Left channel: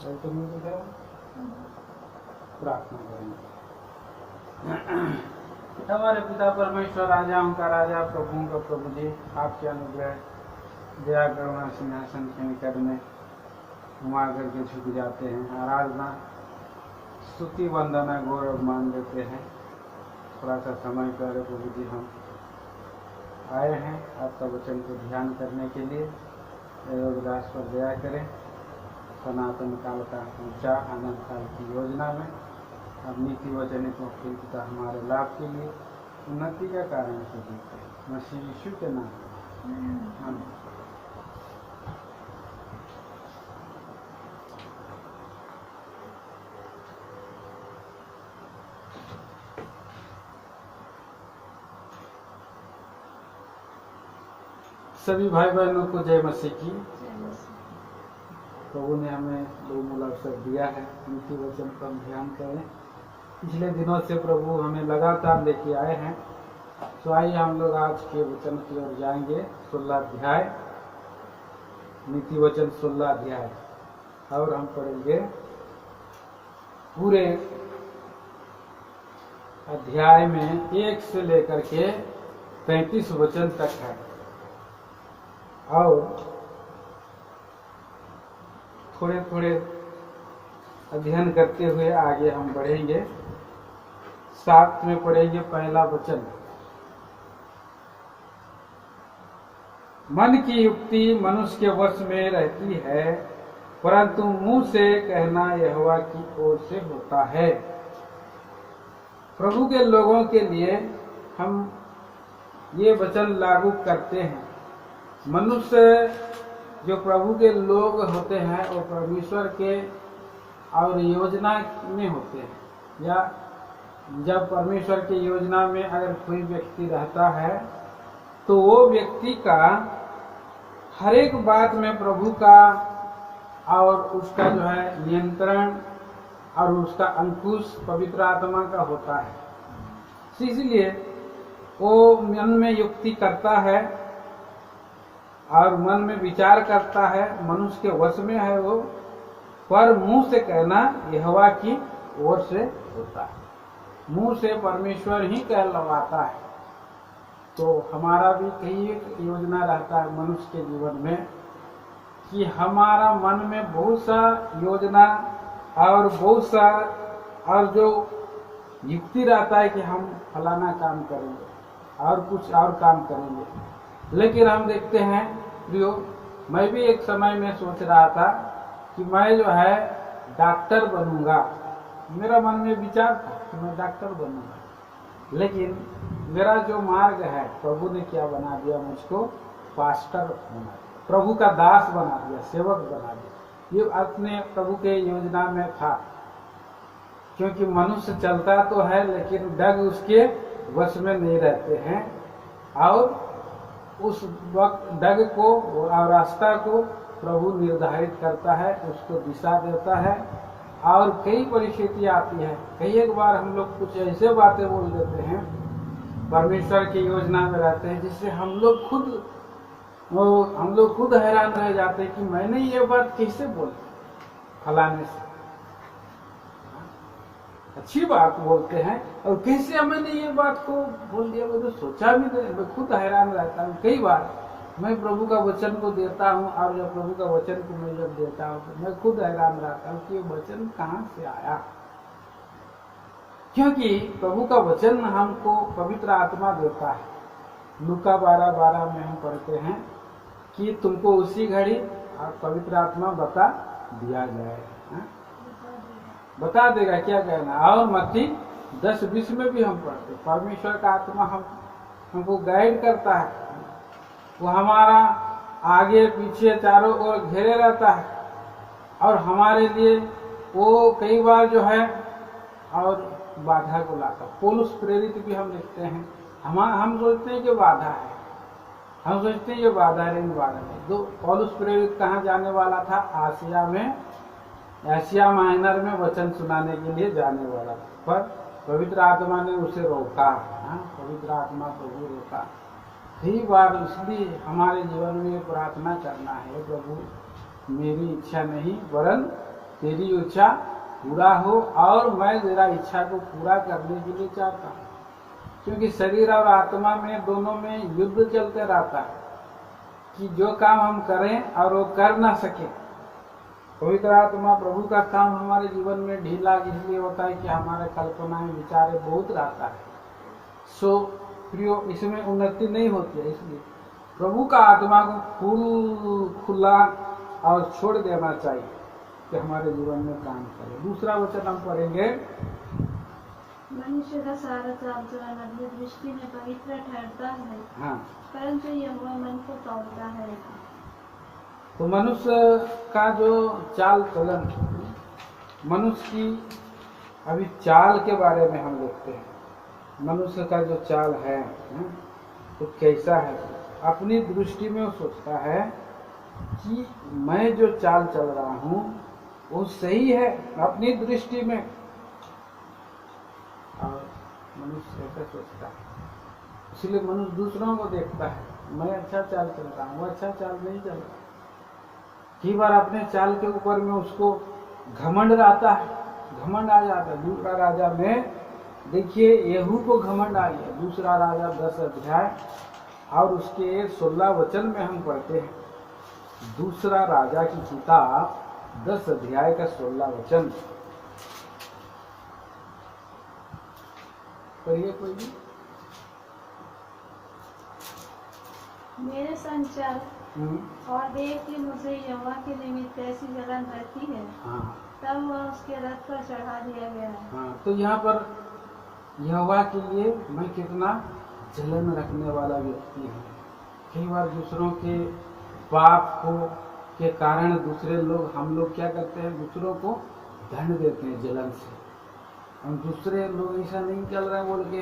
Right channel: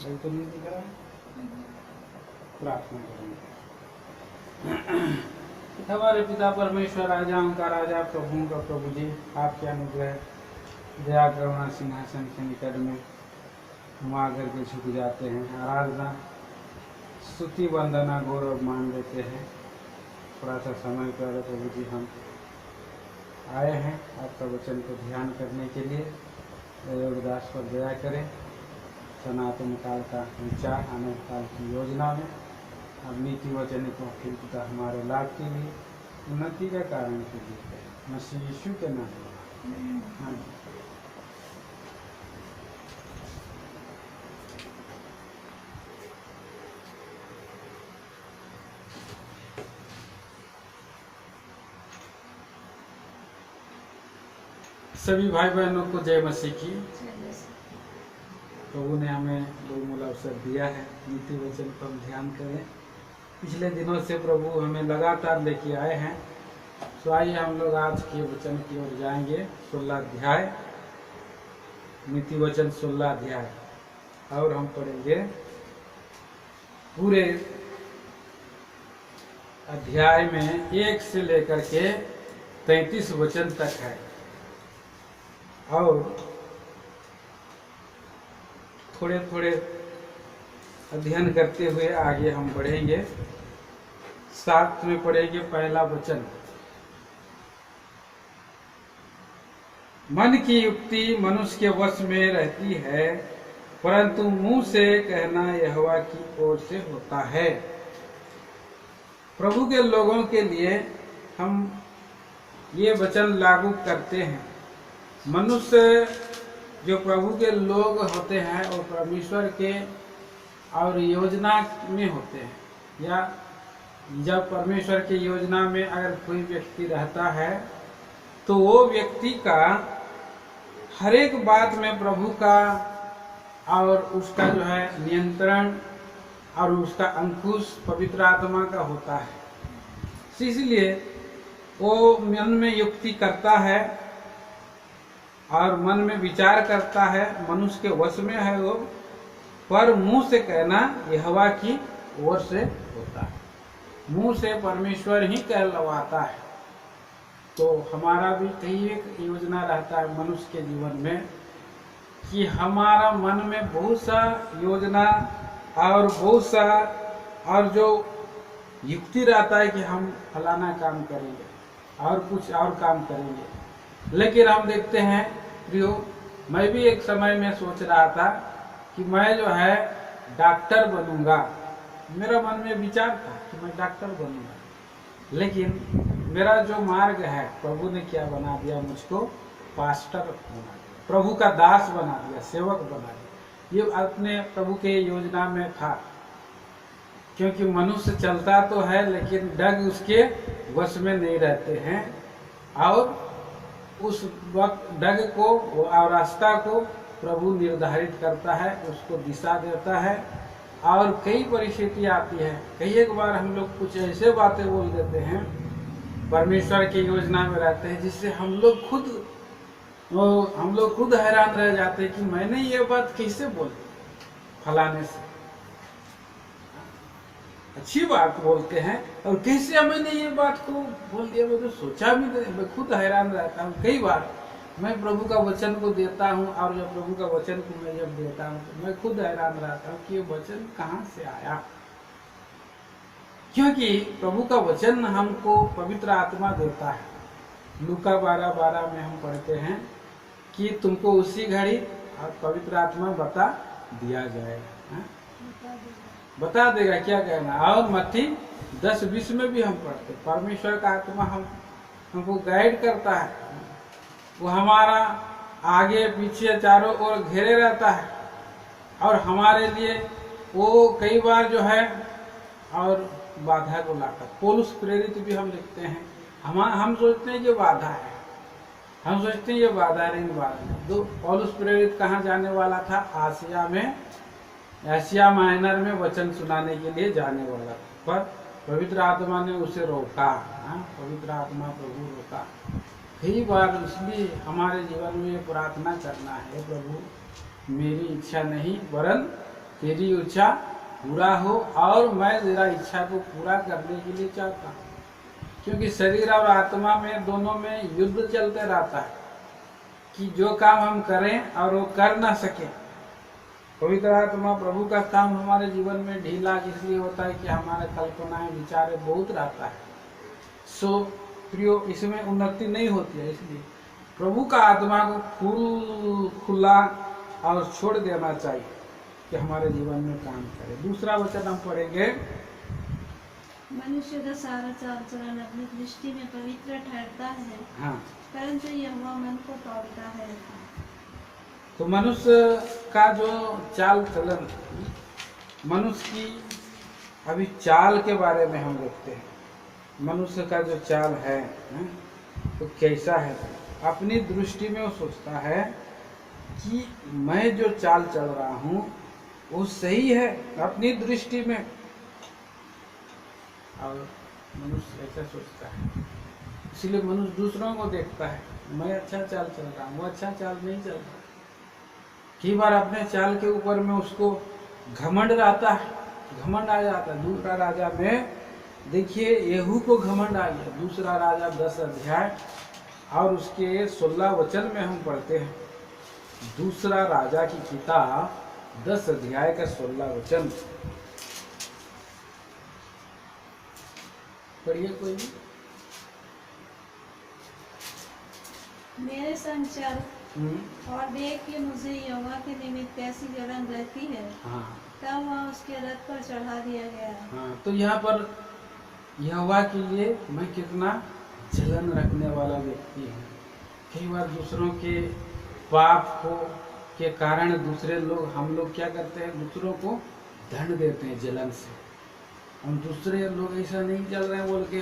अभी तो नहीं दिख रहा। प्रार्थना करेंगे। हमारे पिता परमेश्वर, राजाओं का राजा, प्रभुओं का प्रभु जी, आपके अनुग्रह दया करुणा सिंहासन के निकट में हम आकर के झुक जाते हैं। आराधना स्तुति वंदना गौरव मान लेते हैं। थोड़ा सा समय पहले प्रभु जी हम आए हैं आपका वचन को ध्यान करने के लिए। योगदास पर दया करें। सनातन काल का ऊंचा अनंत काल की योजना में अब नीति वचन को फिरता हमारे लाभ के लिए उन्नति का कारण कीजिए। मसीह यीशु के नाम में। सभी भाई बहनों को जय मसीह की। प्रभु ने हमें बहुमूल्य अवसर दिया है, नीति वचन पर हम ध्यान करें। पिछले दिनों से प्रभु हमें लगातार लेके आए हैं। तो आइए हम लोग आज के वचन की ओर जाएंगे। 16 अध्याय, नीति वचन 16 अध्याय, और हम पढ़ेंगे पूरे अध्याय में 1 से लेकर के 33 वचन तक है। और थोड़े थोड़े अध्ययन करते हुए आगे हम बढ़ेंगे। साथ में पढ़ेंगे पहला वचन। मन की युक्ति मनुष्य के वश में रहती है, परंतु मुंह से कहना यहोवा की ओर से होता है। प्रभु के लोगों के लिए हम ये वचन लागू करते हैं। मनुष्य जो प्रभु के लोग होते हैं और परमेश्वर के और योजना में होते हैं, या जब परमेश्वर के योजना में अगर कोई व्यक्ति रहता है तो वो व्यक्ति का हर एक बात में प्रभु का और उसका जो है नियंत्रण और उसका अंकुश पवित्र आत्मा का होता है। इसलिए वो मन में युक्ति करता है और मन में विचार करता है, मनुष्य के वश में है वो, पर मुंह से कहना यहोवा की ओर से होता है। मुंह से परमेश्वर ही कहलवाता है। तो हमारा भी कई एक योजना रहता है मनुष्य के जीवन में कि हमारा मन में बहुत सा योजना और बहुत सा और जो युक्ति रहता है कि हम फलाना काम करेंगे और कुछ और काम करेंगे। लेकिन हम देखते हैं प्रियो, मैं भी एक समय में सोच रहा था कि मैं जो है डॉक्टर बनूंगा। मेरा मन में विचार था कि मैं डॉक्टर बनूंगा, लेकिन मेरा जो मार्ग है प्रभु ने क्या बना दिया, मुझको पास्टर बना दिया, प्रभु का दास बना दिया, सेवक बना दिया। ये अपने प्रभु के योजना में था, क्योंकि मनुष्य चलता तो है लेकिन डग उसके वश में नहीं रहते हैं। और उस वक्त डग को और रास्ता को प्रभु निर्धारित करता है, उसको दिशा देता है। और कई परिस्थितियाँ आती है, कई एक बार हम लोग कुछ ऐसे बातें बोल देते हैं, परमेश्वर की योजना में रहते हैं, जिससे हम लोग खुद हैरान रह जाते हैं कि मैंने ये बात कैसे बोली फलाने से। अच्छी बात बोलते हैं और कैसे मैंने ये बात को बोल दिया, मैं तो सोचा भी नहीं। मैं खुद हैरान रहता हूँ। कई बार मैं प्रभु का वचन को देता हूँ और जब प्रभु का वचन को मैं जब देता हूँ तो मैं खुद हैरान रहता हूँ कि ये वचन कहाँ से आया। क्योंकि प्रभु का वचन हमको पवित्र आत्मा देता है। लूका 12:12 में हम पढ़ते हैं कि तुमको उसी घड़ी पवित्र आत्मा बता दिया जाएगा, बता देगा क्या कहना। और मत्ती 10:20 में भी हम पढ़ते, परमेश्वर का आत्मा हमको गाइड करता है। वो हमारा आगे पीछे चारों ओर घेरे रहता है और हमारे लिए वो कई बार जो है और बाधा को लाता। पौलुस प्रेरित भी हम लिखते हैं, हम सोचते हैं कि बाधा है, हम सोचते हैं ये बाधा है, लेकिन बाधा नहीं। दो पौलुस प्रेरित कहाँ जाने वाला था? आसिया में, एशिया माइनर में वचन सुनाने के लिए जाने वाला था, पर पवित्र आत्मा ने उसे रोका। पवित्र आत्मा प्रभु रोका। कई बार इसलिए हमारे जीवन में प्रार्थना करना है, प्रभु मेरी इच्छा नहीं वरन तेरी इच्छा पूरा हो, और मैं तेरा इच्छा को पूरा करने के लिए चाहता हूँ। क्योंकि शरीर और आत्मा में दोनों में युद्ध चलते रहता है कि जो काम हम करें और वो कर ना सके। पवित्र आत्मा प्रभु का काम हमारे जीवन में ढीला इसलिए होता है कि हमारे कल्पनाएं विचारे बहुत रहता है, सो प्रियो इसमें उन्नति नहीं होती है। इसलिए प्रभु का आत्मा को खुला और छोड़ देना चाहिए कि हमारे जीवन में काम करे। दूसरा वचन हम पढ़ेंगे, मनुष्य का सारा चाल चलन अपनी दृष्टि में पवित्र ठहरता है, हाँ, परंतु यहोवा मन को तौलता है। तो मनुष्य का जो चाल चलन, मनुष्य की अभी चाल के बारे में हम देखते हैं। मनुष्य का जो चाल है तो कैसा है? अपनी दृष्टि में वो सोचता है कि मैं जो चाल चल रहा हूँ वो सही है अपनी दृष्टि में, और मनुष्य ऐसा सोचता है। इसलिए मनुष्य दूसरों को देखता है, मैं अच्छा चाल चल रहा हूँ, वो अच्छा चाल नहीं चल रहा। कई बार अपने चाल के ऊपर में उसको घमंड रहता है, घमंड आ जाता है। दूसरा राजा में देखिए यहू को घमंड आ गया। दूसरा राजा 10 अध्याय और उसके 16 वचन में हम पढ़ते हैं। दूसरा राजा की किताब 10 अध्याय का 16 वचन पढ़िए कोई भी। मेरे संग चल और देख कि मुझे यहोवा के निमित्त कैसी जलन रहती है। हाँ, तब वह उसके रथ पर चढ़ा दिया गया। हाँ, तो यहाँ पर यहोवा के लिए मैं कितना जलन रखने वाला व्यक्ति हूँ। कई बार दूसरों के पाप को के कारण दूसरे लोग, हम लोग क्या करते हैं, दूसरों को दंड देते हैं जलन से। हम दूसरे लोग ऐसा नहीं चल रहे हैं बोल के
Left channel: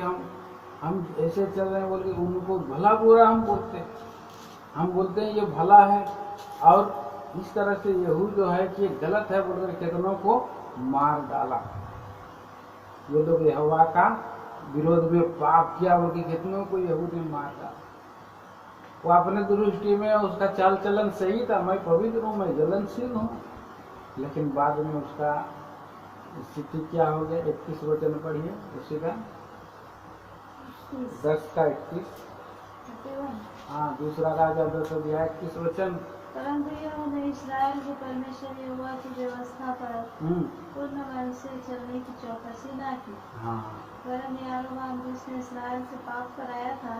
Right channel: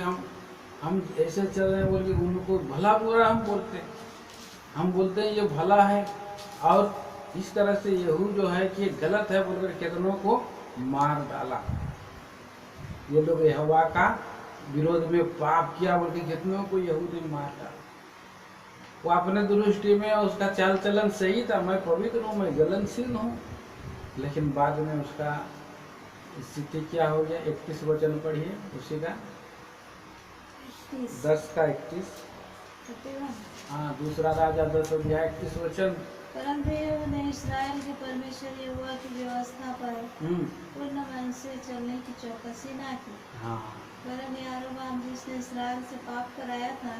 हम ऐसे चल रहे हैं बोल के उनको भला बुरा हम बोलते हैं। हम बोलते हैं ये भला है, और इस तरह से यहू जो है कि गलत है बोलकर कितनों को मार डाला। ये लोग यहोवा का विरोध में पाप किया बोल के कितनों को यहू ने मार डाला। वो अपने दृष्टि में उसका चाल चलन सही था, मैं पवित्र हूँ, मैं जलनशील हूँ, लेकिन बाद में उसका स्थिति क्या हो गया। 31 वचन पढ़िए उसी का, 10 का 31। हाँ, दूसरा राजा 10 अध्याय 31 वचन। परंतु यहोवा ने इस्राएल के परमेश्वर यहोवा की व्यवस्था पर पूर्ण मन से चलने की चौकसी ना की। हाँ, वरन यारोबाम जिसने इस्राएल से पाप कराया था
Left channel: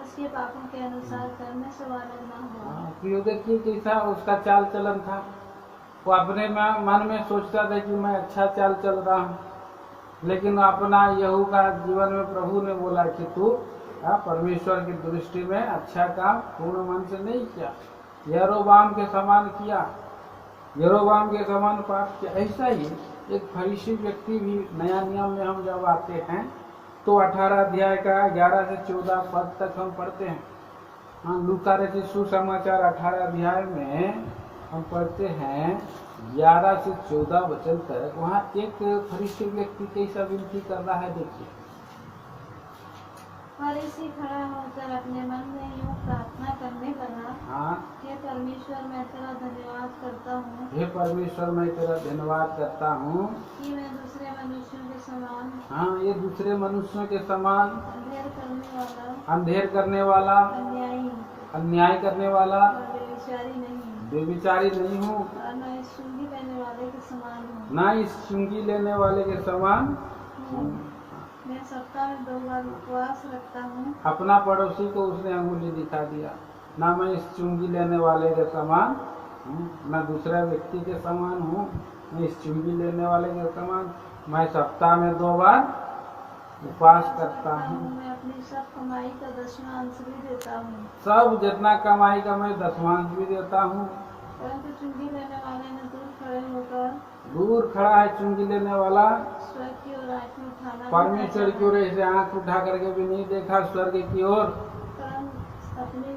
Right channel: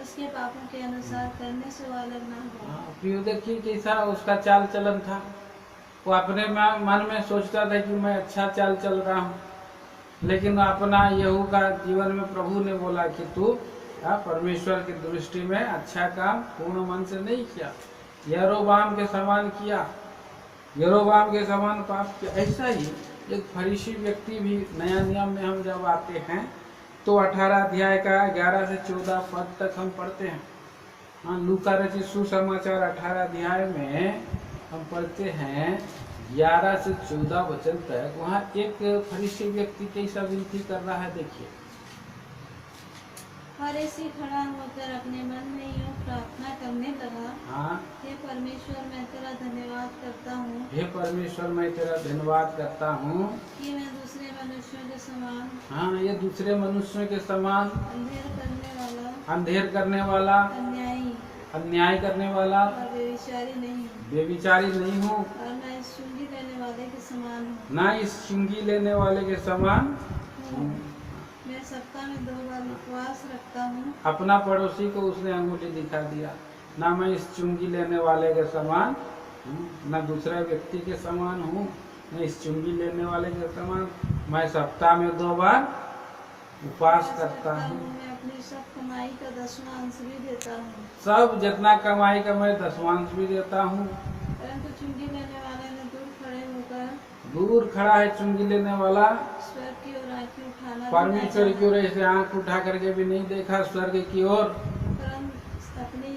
उसके पापों के अनुसार करने से वो अलग ना हुआ। हाँ, प्रियो देखिए कैसा उसका चाल चलन था। वो अपने मन में सोचता था कि मैं अच्छा चाल चल रहा हूँ, लेकिन अपना यहू का जीवन में प्रभु ने बोला कि तू परमेश्वर की दृष्टि में अच्छा काम पूर्ण मन से नहीं किया, यरोबाम के समान किया, यरोबाम के समान पाप किया। ऐसा ही एक फरीसी व्यक्ति भी नया नियम में हम जब आते हैं तो 18 अध्याय का 11 से 14 पद तक हम पढ़ते हैं। हाँ, लूका रचित सुसमाचार 18 अध्याय में हम पढ़ते हैं 11 से 14 वचन तक। वहाँ एक फरीसी व्यक्ति कैसा विनती कर रहा है, देखिए। फरीसी खड़ा होकर अपने मन में यूं प्रार्थना करने लगा, हाँ, हे परमेश्वर मैं तेरा धन्यवाद करता हूँ, हे परमेश्वर मैं तेरा धन्यवाद करता हूँ कि मैं दूसरे मनुष्यों के समान, हाँ, ये दूसरे मनुष्यों के समान अंधेर करने वाला, अन्याय करने वाला और बेविचारी नहीं हूँ, और न इस चुंगी लेने वाले के समान हूँ। ना इस चुंगी लेने वाले के समान हूँ। मैं सप्ताह में 2 बार उपवास रखता हूँ। अपना पड़ोसी को उसने अंगुली दिखा दिया, ना मैं इस चुंगी लेने वाले के समान हूँ, ना दूसरे व्यक्ति के समान हूँ, न इस चुंगी लेने वाले के समान। मैं सप्ताह में 2 बार उपवास करता हूँ। मैं अपनी सब कमाई का 10वां अंश भी देता हूँ। सब जितना कमाई का मैं 10वां अंश भी देता हूँ। परंतु चुंगी लेने वाले ने दूर खड़ा है चुंगी लेने वाला, स्वर्ग की ओर आंखें उठाना, परमेश्वर की ओर ऐसे आंख उठा करके भी नहीं देखा स्वर्ग की ओर, अपनी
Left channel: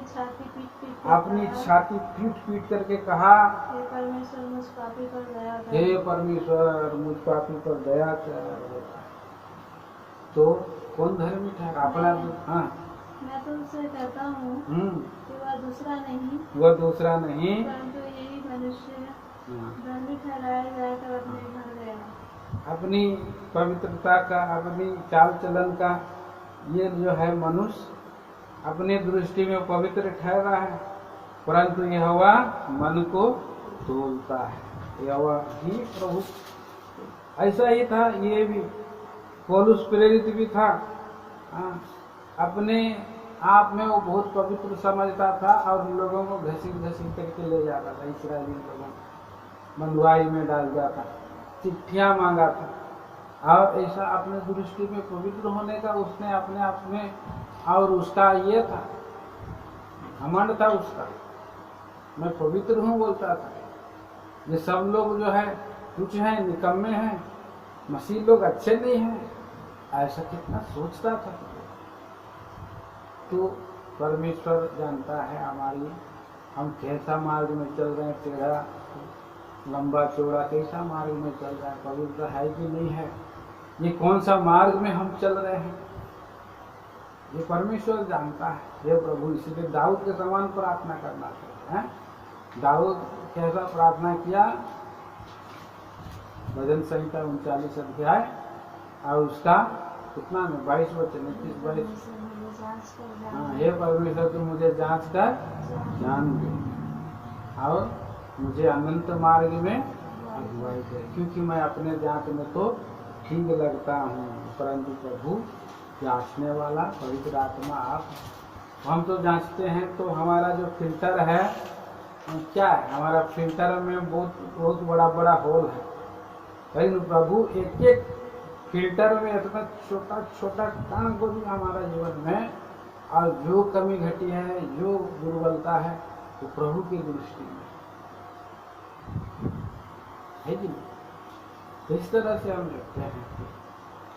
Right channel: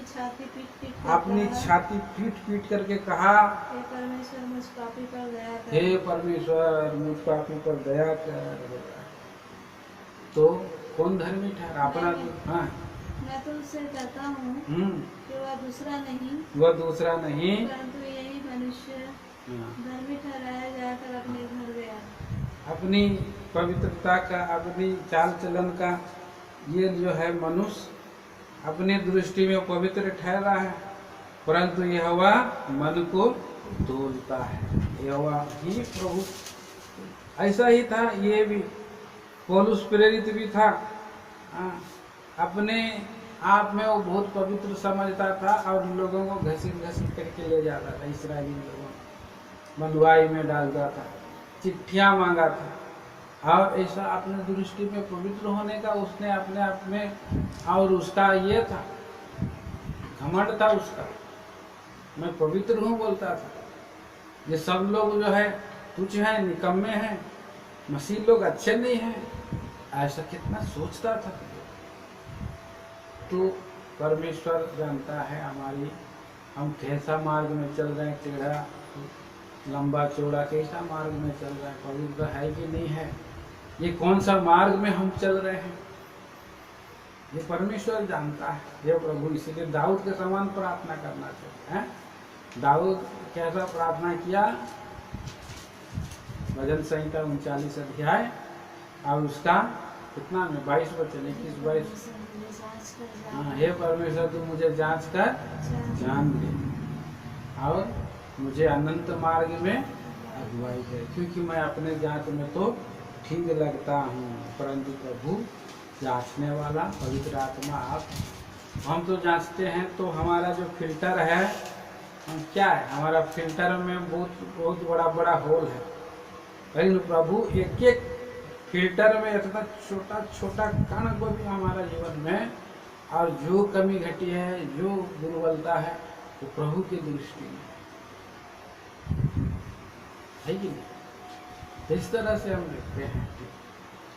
छाती पीट पीट करके कहा, हे परमेश्वर मुझ पापी पर दया कर, हे परमेश्वर मुझ पापी पर दया कर। तो कौन धर्मी ठहरा? अपना। हाँ, मैं तुमसे कहता हूँ कि वह दूसरा नहीं परंतु हाँ। धर्मी ठहराया जाकर अपने घर गया। अपनी पवित्रता का, अपनी चाल चलन का, ये जो है मनुष्य अपनी दृष्टि में पवित्र ठहरा है, परंतु यहोवा मन को तोलता है। यहोवा ही प्रभु, ऐसा ही था ये भी। पौलुस प्रेरित भी था, अपने आप में वो बहुत पवित्र समझता था और लोगों को घसीट घसीट करके ले जाता था, इस्राएली लोगों को बंधुआई में डालता था, चिट्ठियां मांगा था, और ऐसा अपने दृष्टि में पवित्र होने का उसने अपने आप में, और उसका ये था, घमंड था उसका, मैं पवित्र हूँ बोलता था। ये सब लोग जो है तुच्छ हैं, निकम्मे हैं, मसीह लोग अच्छे नहीं हैं, ऐसा कितना सोचता था। तो परमेश्वर जानता है हमारी, हम कैसा मार्ग में चल रहे हैं, टेढ़ा लंबा चौड़ा कैसा मार्ग में चल रहा है, पवित्र है कि नहीं है, ये कौन सा मार्ग में हम चल रहे हैं, ये परमेश्वर जानता है। ये प्रभु, इसीलिए दाऊद के समान प्रार्थना करना चाहिए, है? दाऊद कैसा प्रार्थना किया? भजन संहिता 39 अध्याय और उसका कितना में 22 वचन, 21-22। हाँ, हे परमेश्वर तू मुझे जांच कर जान ले और मुझे अनंत मार्ग में अगुवाई दे, क्योंकि मैं अपने जांच में तो ठीक लगता हूँ, परंतु प्रभु जांचने वाला पवित्र आत्मा आप। हम तो जांचते हैं तो हमारा जो फिल्टर है, क्या है, हमारा फिल्टर में बहुत बड़ा बड़ा होल है, लेकिन प्रभु एक एक फिल्टर में इतना छोटा छोटा कण को भी हमारा जीवन में, और जो कमी घटी है, जो दुर्बलता है, वो प्रभु की दृष्टि में है कि नहीं। इस तरह से हम देखते हैं,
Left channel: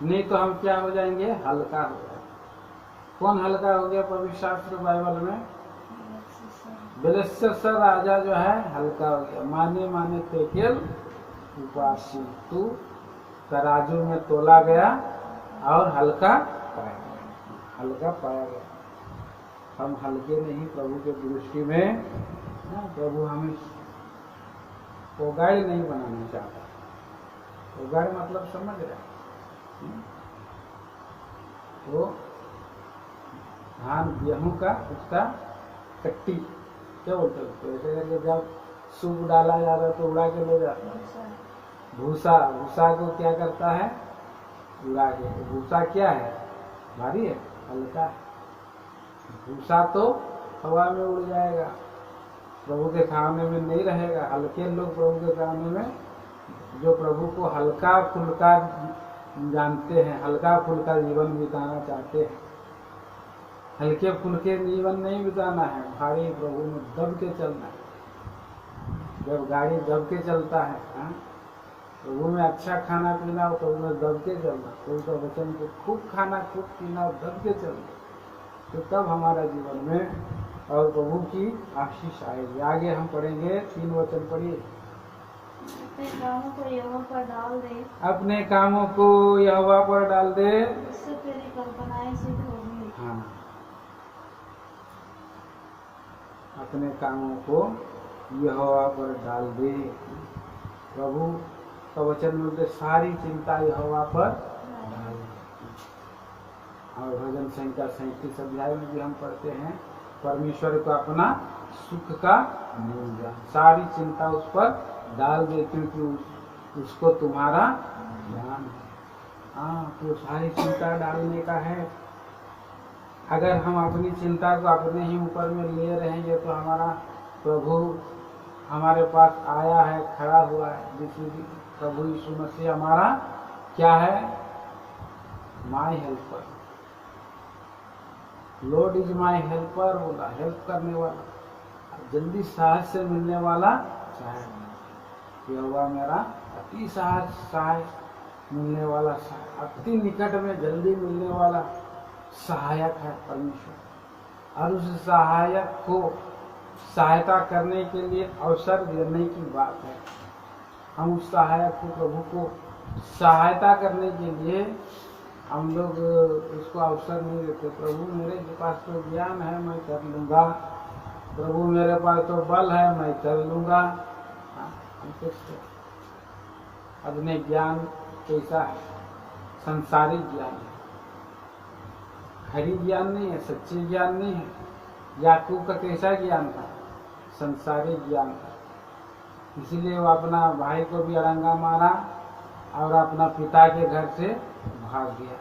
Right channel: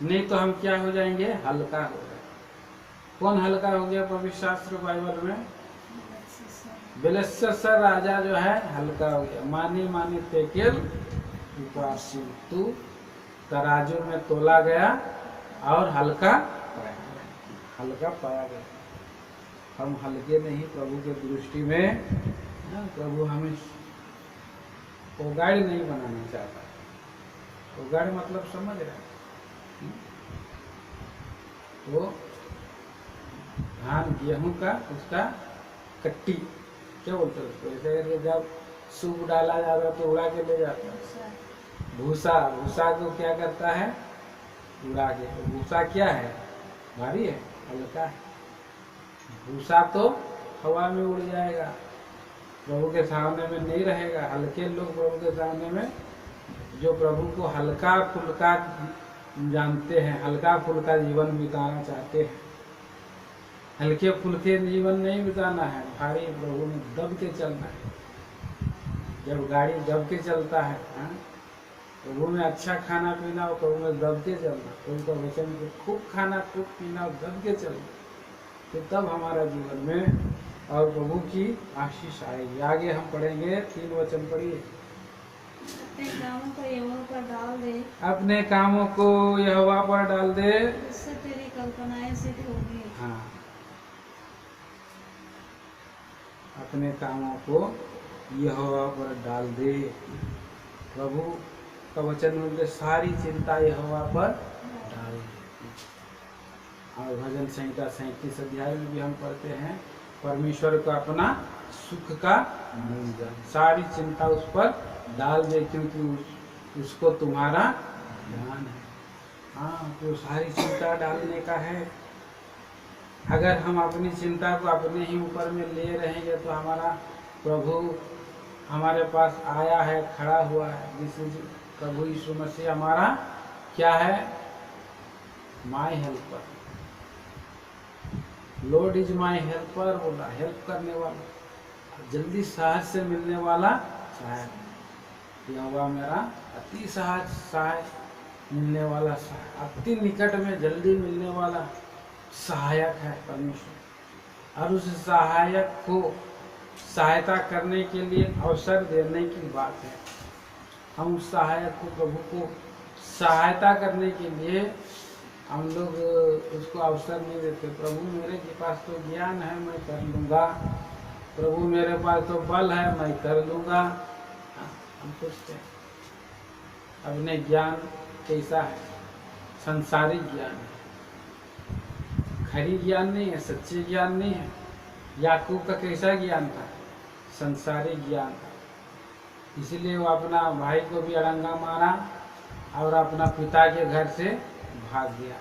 नहीं तो हम क्या हो जाएंगे, हल्का हो जाएंगे। कौन हल्का हो गया पवित्र शास्त्र बाइबल में? बेलशस्सर राजा जो है हल्का हो गया। माने माने तेकेल उपासी, तू तराजू में तोला गया और हल्का पाया गया, हल्का पाया गया। हम हल्के नहीं प्रभु के दृष्टि में। प्रभु हमें ओगाड़ नहीं बनाना चाहता। ओगाड़ मतलब समझ रहे हैं? तो धान गेहूं का उसका कट्टी क्या बोलते हैं उसको, ऐसे करके जब सूप डाला जाता है तो उड़ा के ले जाता है। भूसा, भूसा को क्या करता है, उड़ा के। भूसा क्या है, भारी है, हल्का है। भूसा तो हवा में उड़ जाएगा, प्रभु के सामने में नहीं रहेगा। हल्के लोग प्रभु के सामने में, जो प्रभु को हल्का फुल्का जानते हैं, हल्का फुल्का जीवन बिताना चाहते हैं, हल्के फुल्के जीवन नहीं बिताना है, भारी प्रभु में दब के चलना है। जब गाड़ी दब के चलता है, प्रभु में अच्छा खाना पीना और प्रभु में दब के चलना, प्रभु का वचन को खूब खाना खूब पीना और दब के चलना, तो तब हमारा जीवन में और प्रभु की आशीष आएगी। आगे हम पढ़ेंगे, 3 वचन पढ़िए। अपने कामों को यहोवा पर डाल दे, अपने कामों को यहोवा पर डाल दे, इससे तेरी कल्पनाएं सिद्ध होंगी। हाँ, अपने कामों को यहोवा पर डाल दे। प्रभु का वचन मिलते सारी चिंता यहोवा पर डाल दे। और भजन संहिता 37 अध्याय में भी हम पढ़ते हैं, परमेश्वर को अपना सुख का मूल जान, सारी चिंता उस पर डाल दे, क्योंकि उसको तुम्हारा ज्ञान है। हाँ, तो सारी चिंता डालने का है। अगर हम अपनी चिंता को अपने ही ऊपर में ले रहेंगे तो हमारा प्रभु हमारे पास आया है, खड़ा हुआ है। जिस प्रभु यीशु मसीह हमारा क्या है, my helper, Lord is my helper बोला, हेल्प करने वाला, जल्दी सहज से मिलने वाला सहायक। यह हुआ मेरा अति सहज सहाय मिलने वाला, अति निकट में जल्दी मिलने वाला सहायक है परमेश्वर। और उस सहायक को सहायता करने के लिए अवसर देने की बात है। हम उस सहायक को, प्रभु को सहायता करने के लिए हम लोग उसको अवसर नहीं देते। प्रभु मेरे पास तो ज्ञान है, मैं कर लूँगा, प्रभु मेरे पास तो बल है, मैं कर लूँगा, हम सोचते हैं अपने ज्ञान कैसा है, संसारिक ज्ञान है, खरी ज्ञान नहीं है, सच्चे ज्ञान नहीं है। याकूब का कैसा ज्ञान था? संसारिक ज्ञान था। इसीलिए वो अपना भाई को भी अड़ंगा मारा और अपना पिता के घर से भाग गया।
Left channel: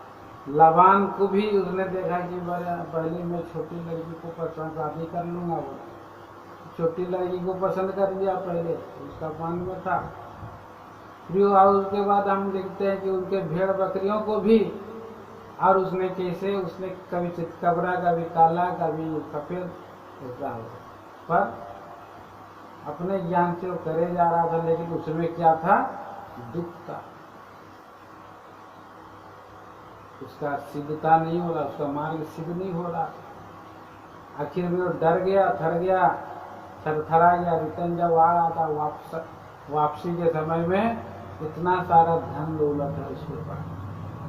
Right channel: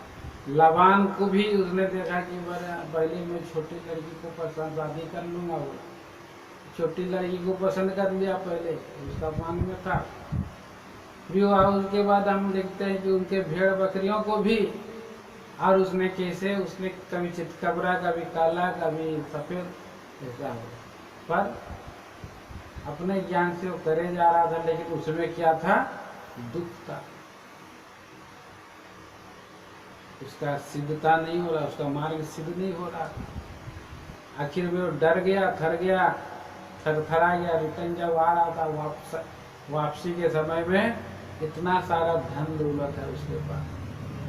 लाबान को भी उसने देखा कि पहले मैं छोटी लड़की को पसंद शादी कर लूँगा, वो छोटी लड़की को पसंद कर लिया पहले, उसका पान में था। फिर उसके बाद हम देखते हैं कि उनके भेड़ बकरियों को भी, और उसने कैसे, उसने कभी चितकबरा, कभी काला, कभी सफ़ेद, ऐसा हो, पर अपने ज्ञान से वो करे जा रहा था, लेकिन उसमें क्या था? दुख था। उसका सिद्धता नहीं हो रहा, उसका मार्ग सिद्ध नहीं हो रहा। आखिर में वो डर गया, थर गया, थरथरा गया। रिटर्न जब आ रहा था वापसी के समय में इतना सारा धन दौलत है उसके पास,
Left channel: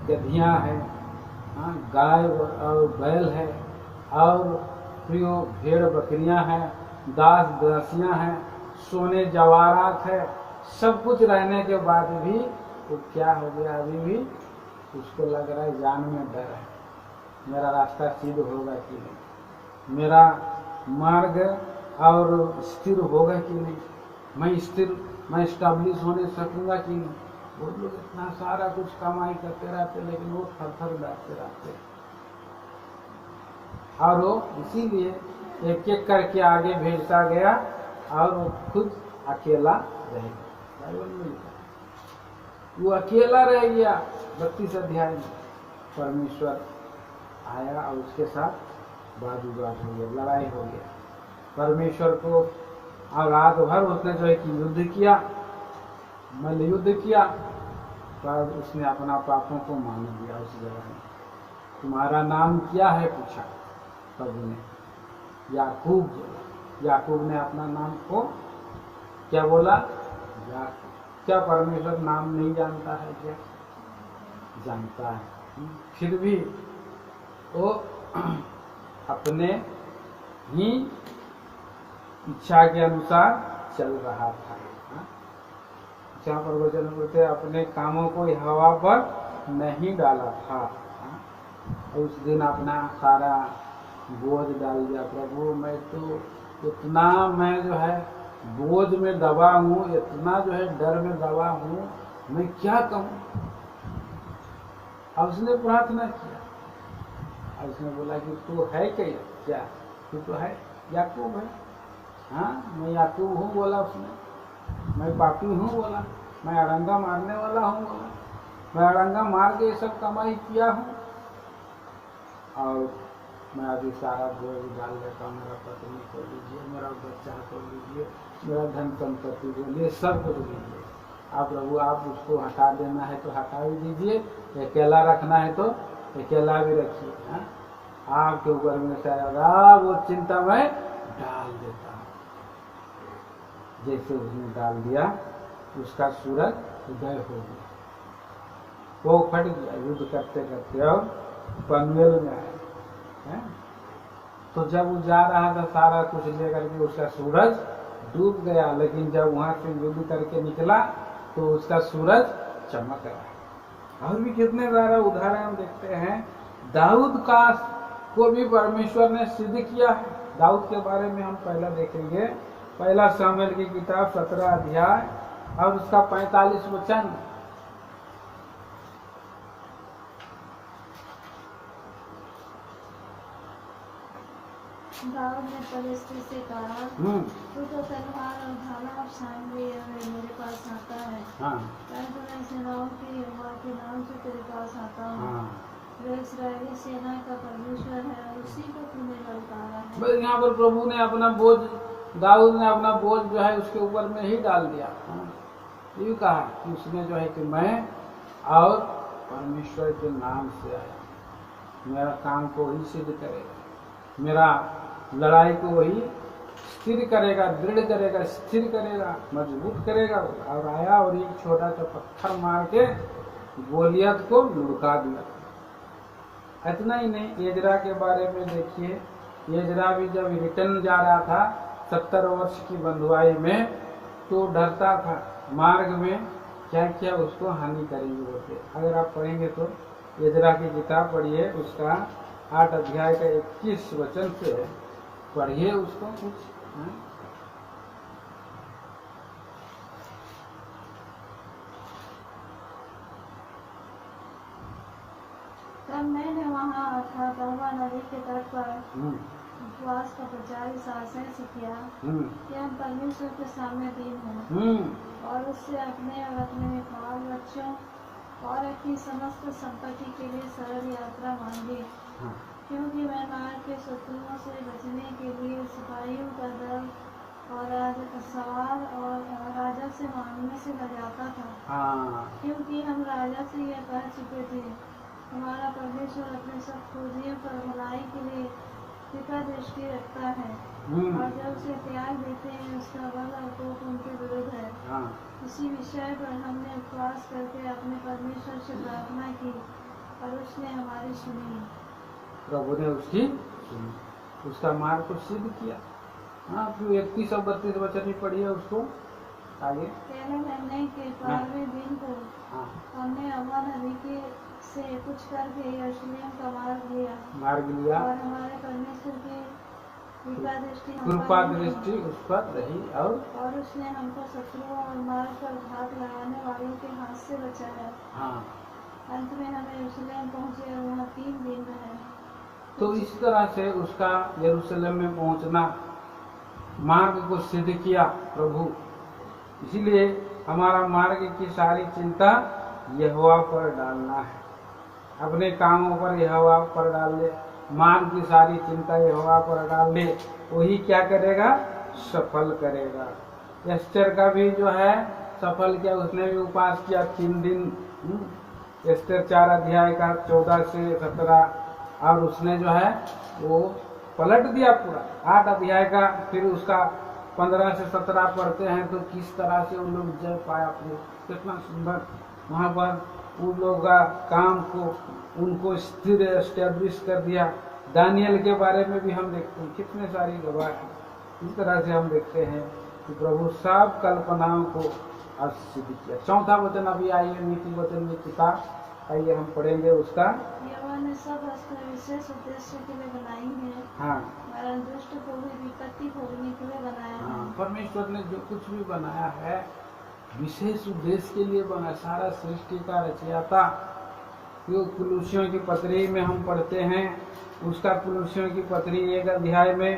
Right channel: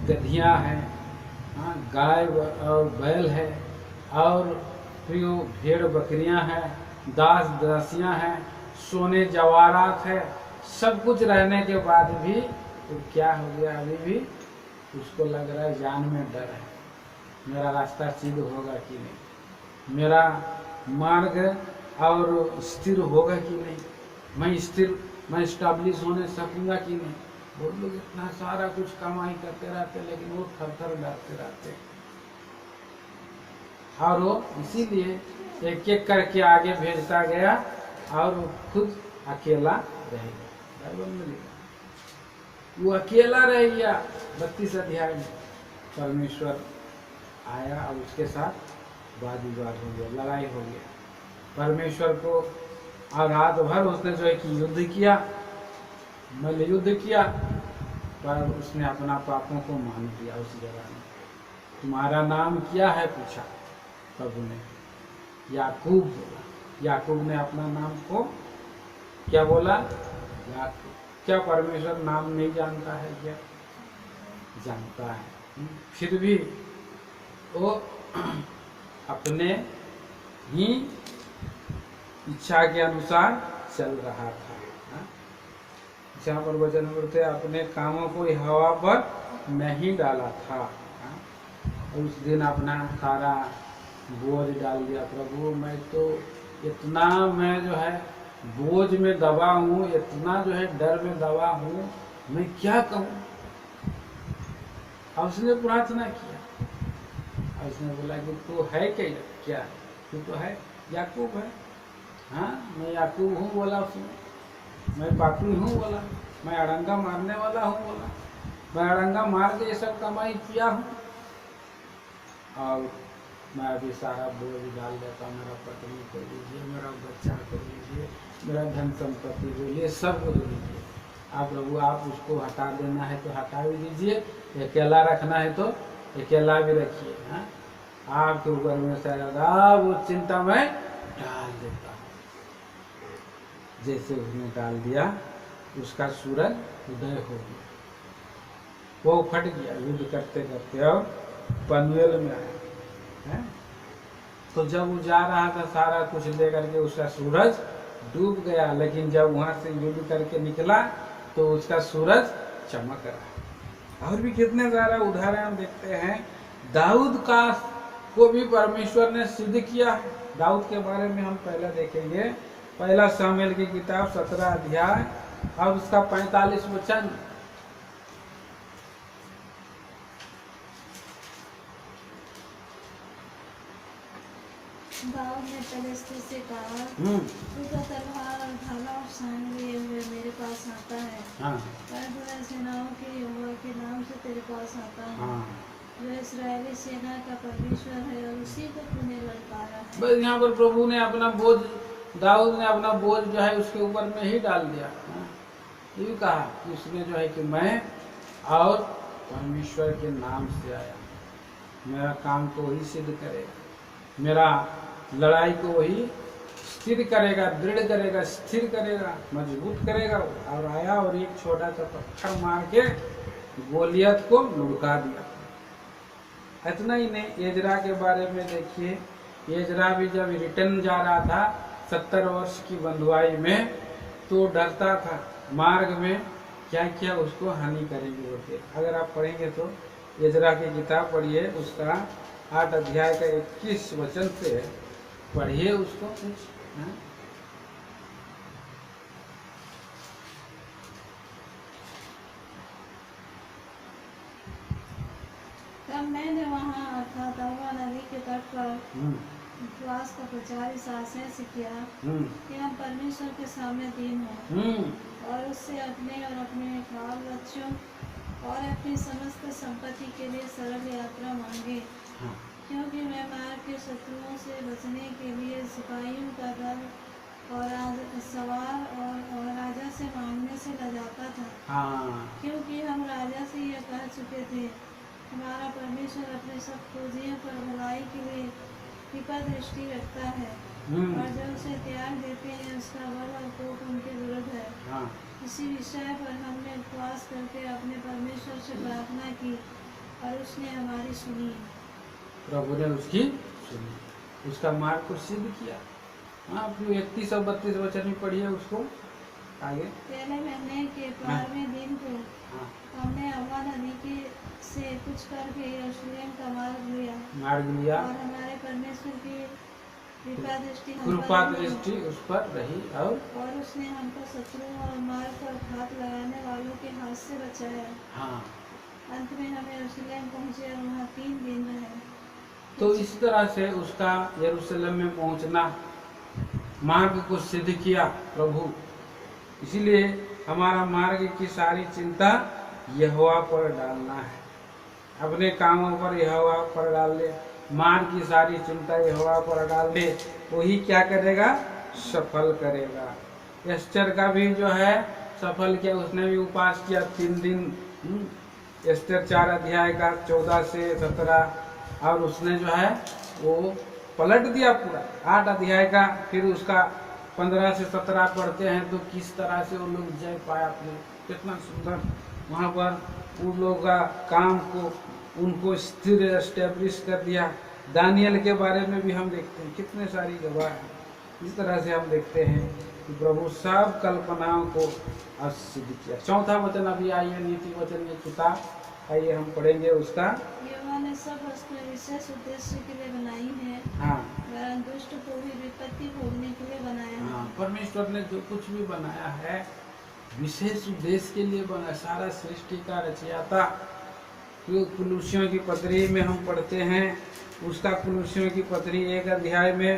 गधियाँ हैं, हाँ, गाय और बैल है, और फिर वो भेड़ बकरियां हैं, दास दासियां हैं, सोने जवाहरात है, सब कुछ रहने के बाद भी वो क्या हो गया? अभी भी उसको लग रहा है, जान में डर है, मेरा रास्ता सिद्ध होगा कि नहीं, मेरा मार्ग और स्थिर होगा कि नहीं, मैं स्टैब्लिश होने सकूंगा कि नहीं। बहुत लोग इतना सारा कुछ कमाई करते रहते, लेकिन वो थर थर डरते रहते, और वो इसीलिए एक एक करके आगे भेजता गया और वो खुद अकेला रह गया। बाइबल में लिखा वो अकेला रह गया। 32 अध्याय में परमेश्वर आया और उसके साथ वाद विवाद हो गया, लड़ाई हो गया। परमेश्वर को और रात भर उसने जो है कि युद्ध किया, मल्ल युद्ध किया, पर उसने अपना पापों को मान लिया। उस जगह में तुम्हारा नाम क्या है पूछा प्रभु ने, याकूब बोला। याकूब ने अपना नाम को क्या बोला? याकूब। क्या परमेश्वर नाम नहीं जानता है क्या? जानता है। फिर भी वो अपने ही इच्छा के अनुसार चल रहा था। जहाँ पर वचन बोलते अपने कामों को हवा पर नहीं डाला था। उस दिन अपना सारा बोझ डाल दिया। प्रभु मैं तो इतना, मैं जो है बोझ में दबा हूँ, इतना जो है डर में दबा हूँ, मैं क्या कहूँ। अब उसने प्रार्थना किया और उसने बोला कि तू है क्या? तू तो है, याकूब है। हाँ, मैं याकूब हूँ बोला उसने, मैं पापी हूँ बोला, मैं अड़ंगा मारने वाला हूँ बोला, मैं अड़ंगा मार के ये सब कमाई किया हूँ, और मैं अभी सारा बोझ डाल देता हूँ। मेरा पत्नी को लीजिए, मेरा बच्चा को लीजिए, मेरा धन संपत्ति को लीजिए, सब कुछ लीजिए। आप प्रभु आप उसको हटा देना है तो हटा भी दीजिए, अकेला रखना है तो अकेला भी रखिए। हाँ, आपके ऊपर में सारा वो चिंता मैं डाल देता हूँ। जैसे उसने डाल दिया, उसका सूरज उदय हो गया, वो फट गया युद्ध करते करते और पनवेल में आया है। तो जब वो जा रहा था सारा कुछ लेकर के, उसका सूरज डूब गया, लेकिन जब वहां से युद्ध करके निकला तो उसका सूरज चमक रहा। और भी कितने सारे उदाहरण हम देखते हैं। दाऊद का को भी परमेश्वर ने सिद्ध किया है। दाऊद के बारे में हम पहला देखेंगे, पहला सामुएल की किताब 17 अध्याय और उसका 45 वचन। दाऊद ने पलिश्ती से कहा, तू तो तलवार और भाला और सांड लिए हुए मेरे पास आता है, परंतु मैं सेनाओं के यहोवा के नाम से तेरे पास आता हूँ, जो इस्राएली सेना का परमेश्वर है, और उसी को तूने ललकारा है। बस यहाँ पर प्रभु ने अपना बोझ, दाऊद ने अपना बोझ जो है उसके ऊपर में ही डाल दिया। ये कहा कि उसने जो है कि मैं और परमेश्वर के नाम से आया, मेरा काम को वही सिद्ध करेगा, मेरा लड़ाई को वही स्थिर करेगा, दृढ़ करेगा, स्थिर करेगा, मजबूत करेगा। और आया और एक छोटा सा पत्थर मार के गोलियत को लुढ़का दिया। इतना ही नहीं, एजरा के बारे में देखिए। एजरा भी जब रिटर्न जा रहा था 70 वर्ष की बंधुआई में, तो डरता था मार्ग में क्या क्या उसको हानि करेंगे बोलते। अगर आप पढ़ेंगे तो एजरा की किताब पढ़िए, उसका 8 अध्याय का 21 वचन से पढ़िए उसको कुछ। हाँ? तब मैंने वहाँ अर्थात अहवा नदी के तट पर उपवास का प्रचार इस आशय से किया कि हम परमेश्वर के सामने दीन हों और उससे अपने और अपने बाल बच्चों और अपनी समस्त संपत्ति के लिए सरल यात्रा मांगे। क्योंकि मैं मार्ग के शत्रुओं से बचने के लिए सिपाहियों का दल और सवार और राजा से मांगने से लजाता था। क्योंकि हम राजा से यह कह चुके थे, हमारा परमेश्वर अपने सब खोजियों पर भलाई के लिए कृपा दृष्टि रखता है और जब उसे त्याग देते हैं उसका बल और कोप उनके विरुद्ध है। इसी विषय पर हमने उपवास करके अपने परमेश्वर से प्रार्थना की और उसने हमारी सुनी। प्रभु ने उसकी सुनी, उसका मार्ग को सिद्ध किया। हाँ, 31 और 32 वचन भी पढ़िए उसको आगे। पहले महीने के 12वें दिन को हमने अहवा नदी के से कुछ करके यरूशलेम का मार्ग लिया और हमारे परमेश्वर की कृपा दृष्टि उस पर रही और उसने हमको शत्रुओं और मार्ग पर घात लगाने वालों के हाथ से बचाया। अंत में हम यरूशलेम पहुँचे और वहाँ 3 दिन रहे। तो इस तरह से उसका यरूशलेम में पहुँचना मार्ग को सिद्ध किया प्रभु। इसीलिए हमारा मार्ग की सारी चिंता यहोवा पर डालना है, अपने कामों पर यहोवा पर डाल ले, मार्ग की सारी चिंता यहोवा पर डाल ले, वही क्या करेगा, सफल करेगा। एस्टर का भी जो है सफल किया, उसने भी उपवास किया 3 दिन। एस्टर 4 अध्याय का 14 से 17, और उसने जो है वो पलट दिया पूरा 8 अध्याय का। फिर उसका 15 से 17 पढ़ते हैं तो किस तरह से वो लोग जय पाया अपने, कितना सुंदर वहाँ पर उन लोगों का काम को उनको स्थिर एस्टेब्लिश कर दिया। दानियल के बारे में भी हम देखते हैं, कितने सारी गवाह हैं। इस तरह से हम देखते हैं कि प्रभु सब कल्पनाओं को सिद्ध किया। 4था वचन अभी आइए, नीति वचन की किताब आइए हम पढ़ेंगे उसका। यहोवा ने सब वस्तुएं विशेष उद्देश्य के लिए बनाई है, वरन दुष्ट को भी विपत्ति भोगने के लिए बनाया है। परमेश्वर ने जो कुछ भी बनाया है विशेष उद्देश्य के लिए बना, सारा सृष्टि का रचयिता। जो कुलुसियों की पत्री में हम पढ़ते हैं, उसका कुलुसियों की पत्री 1 अध्याय में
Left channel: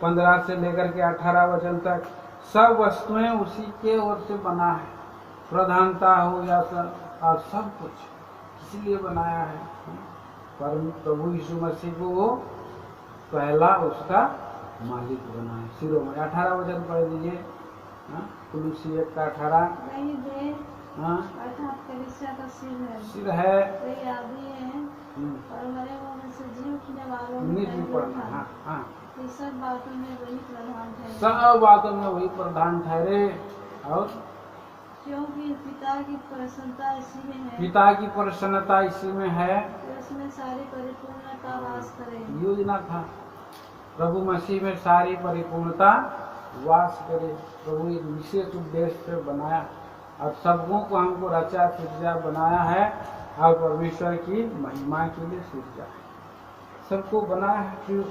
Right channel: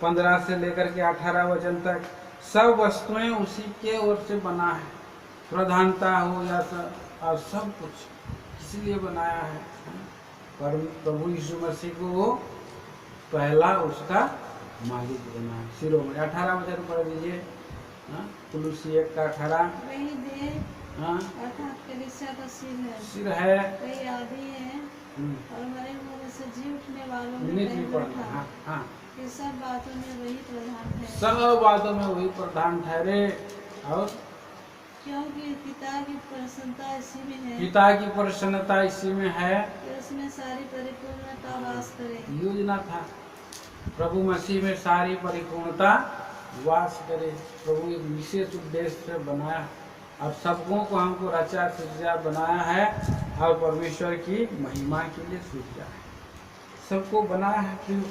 15 से लेकर के 18 वचन तक सब वस्तुएं उसी के ओर से बना है। प्रधानता हो या और सब कुछ इसीलिए बनाया है। पर प्रभु यीशु मसीह को वो पहला उसका मालिक बना है। शिरोमणि 18 वचन पढ़ दीजिए। कुलुसी 1 का 18। वही देह अर्थात कलीसिया का सिर है, वही आदि है और मरे हुओं से जी उठने वालों में पढ़ना। ये सब बातों में वही प्रधान है, सब बातों में वही प्रधान ठहरे। और क्योंकि पिता की प्रसन्नता इसी में है, पिता की प्रसन्नता इसी में है कि उसमें सारी परिपूर्णता वास करे। योजना था प्रभु मसीह में सारी परिपूर्णता वास करे। प्रभु एक विशेष उद्देश्य से बनाया और सबकों को हमको रचा सृजा बनाया है और परमेश्वर की महिमा के लिए सृजा है। सबको बनाया है, फिर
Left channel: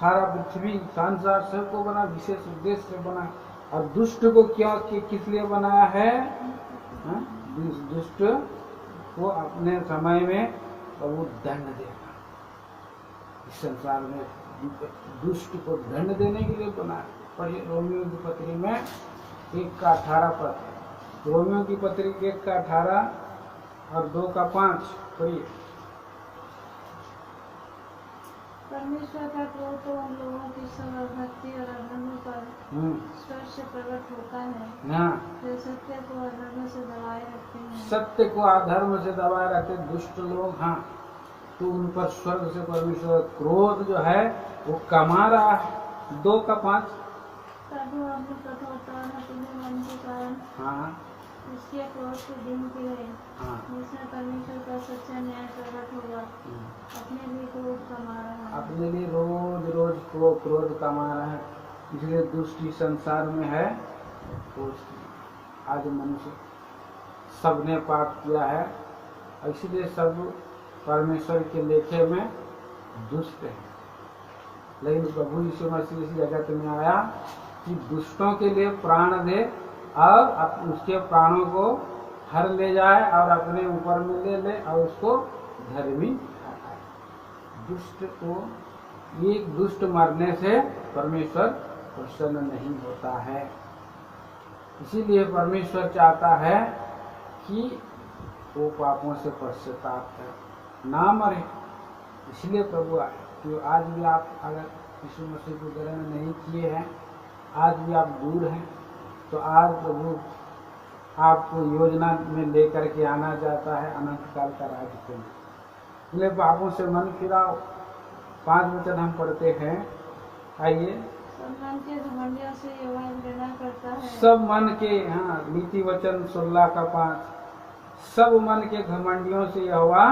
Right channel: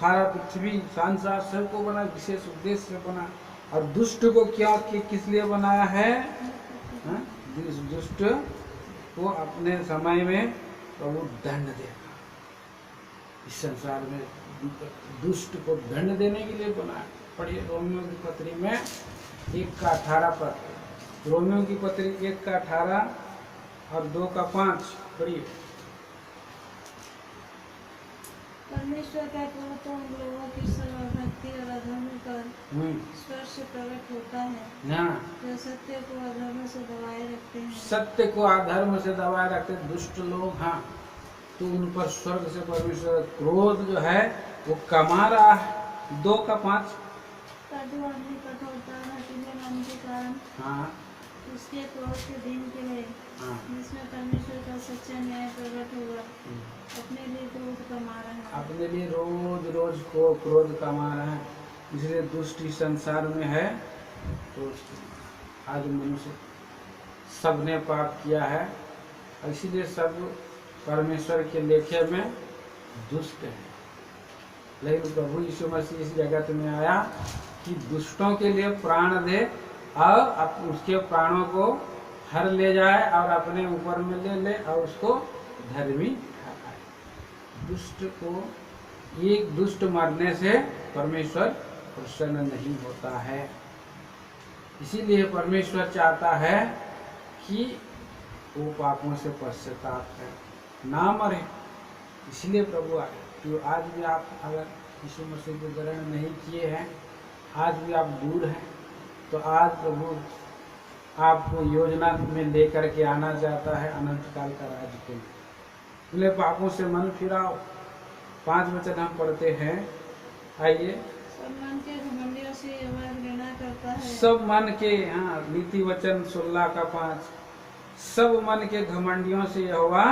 सारा पृथ्वी संसार सबको बना, विशेष उद्देश्य से बना। और दुष्ट को क्या किस लिए बनाया है? दुष्ट को अपने समय में प्रभु दंड देगा। इस संसार में दुष्ट को दंड देने के लिए बनाया। पढ़िए रोमियो की पत्री में 1 का 18 पर, रोमियो की पत्री 1 का 18 और 2 का 5 पढ़िए। परमेश्वर का क्रोध तो उन लोगों की सर्वभक्ति और अधर्म पर स्पर्श से प्रकट होता है जो सत्य को अधर्म से दबाए रखते हैं। सत्य को अधर्म से दबाए रखते दुष्ट लोग, तो उन पर स्वर्ग से परमेश्वर क्रोध जो है वो कमा रहा है। 2 का 5। प्रभु अपनी कठोरता हठीले मन के कारण उसके क्रोध के दिन के लिए जिसमें परमेश्वर का सच्चा न्याय प्रकट होगा अपने लिए क्रोध कमा रहा है। अपने लिए रोज रोज को क्रोध कमा रहा है। इसलिए दुष्ट इस संसार में है तो आज मनुष्य सबने पाप किया है, इसीलिए सब परमेश्वर के लेखे में दुष्ट है। लेकिन प्रभु यीशु मसीह इस जगत में आया कि दुष्टों के लिए प्राण दे और उसके प्राणों को हर ले जाए और अपने ऊपर में ले ले और उसको धर्मी ठहराए। दुष्ट को, एक दुष्ट मरने से परमेश्वर प्रसन्न नहीं होता है। इसीलिए परमेश्वर चाहता है कि वो पापों से पश्चाताप है, ना मरे। इसलिए प्रभु आए। तो आज भी आप अगर यीशु मसीह को ग्रहण नहीं किए हैं, आज भी आप दूर हैं, तो आज प्रभु आपको योजना में लेकर के आना चाहता है अनंत काल का राज्य को। इसलिए पापों से मन फिराओ। 5 वचन हम पढ़ते हैं, आइए। सब मन के घमंडियों से यहोवा घृणा करता है। सब मन के, हाँ, नीति वचन 16 का 5, सब मन के घमंडियों से यहोवा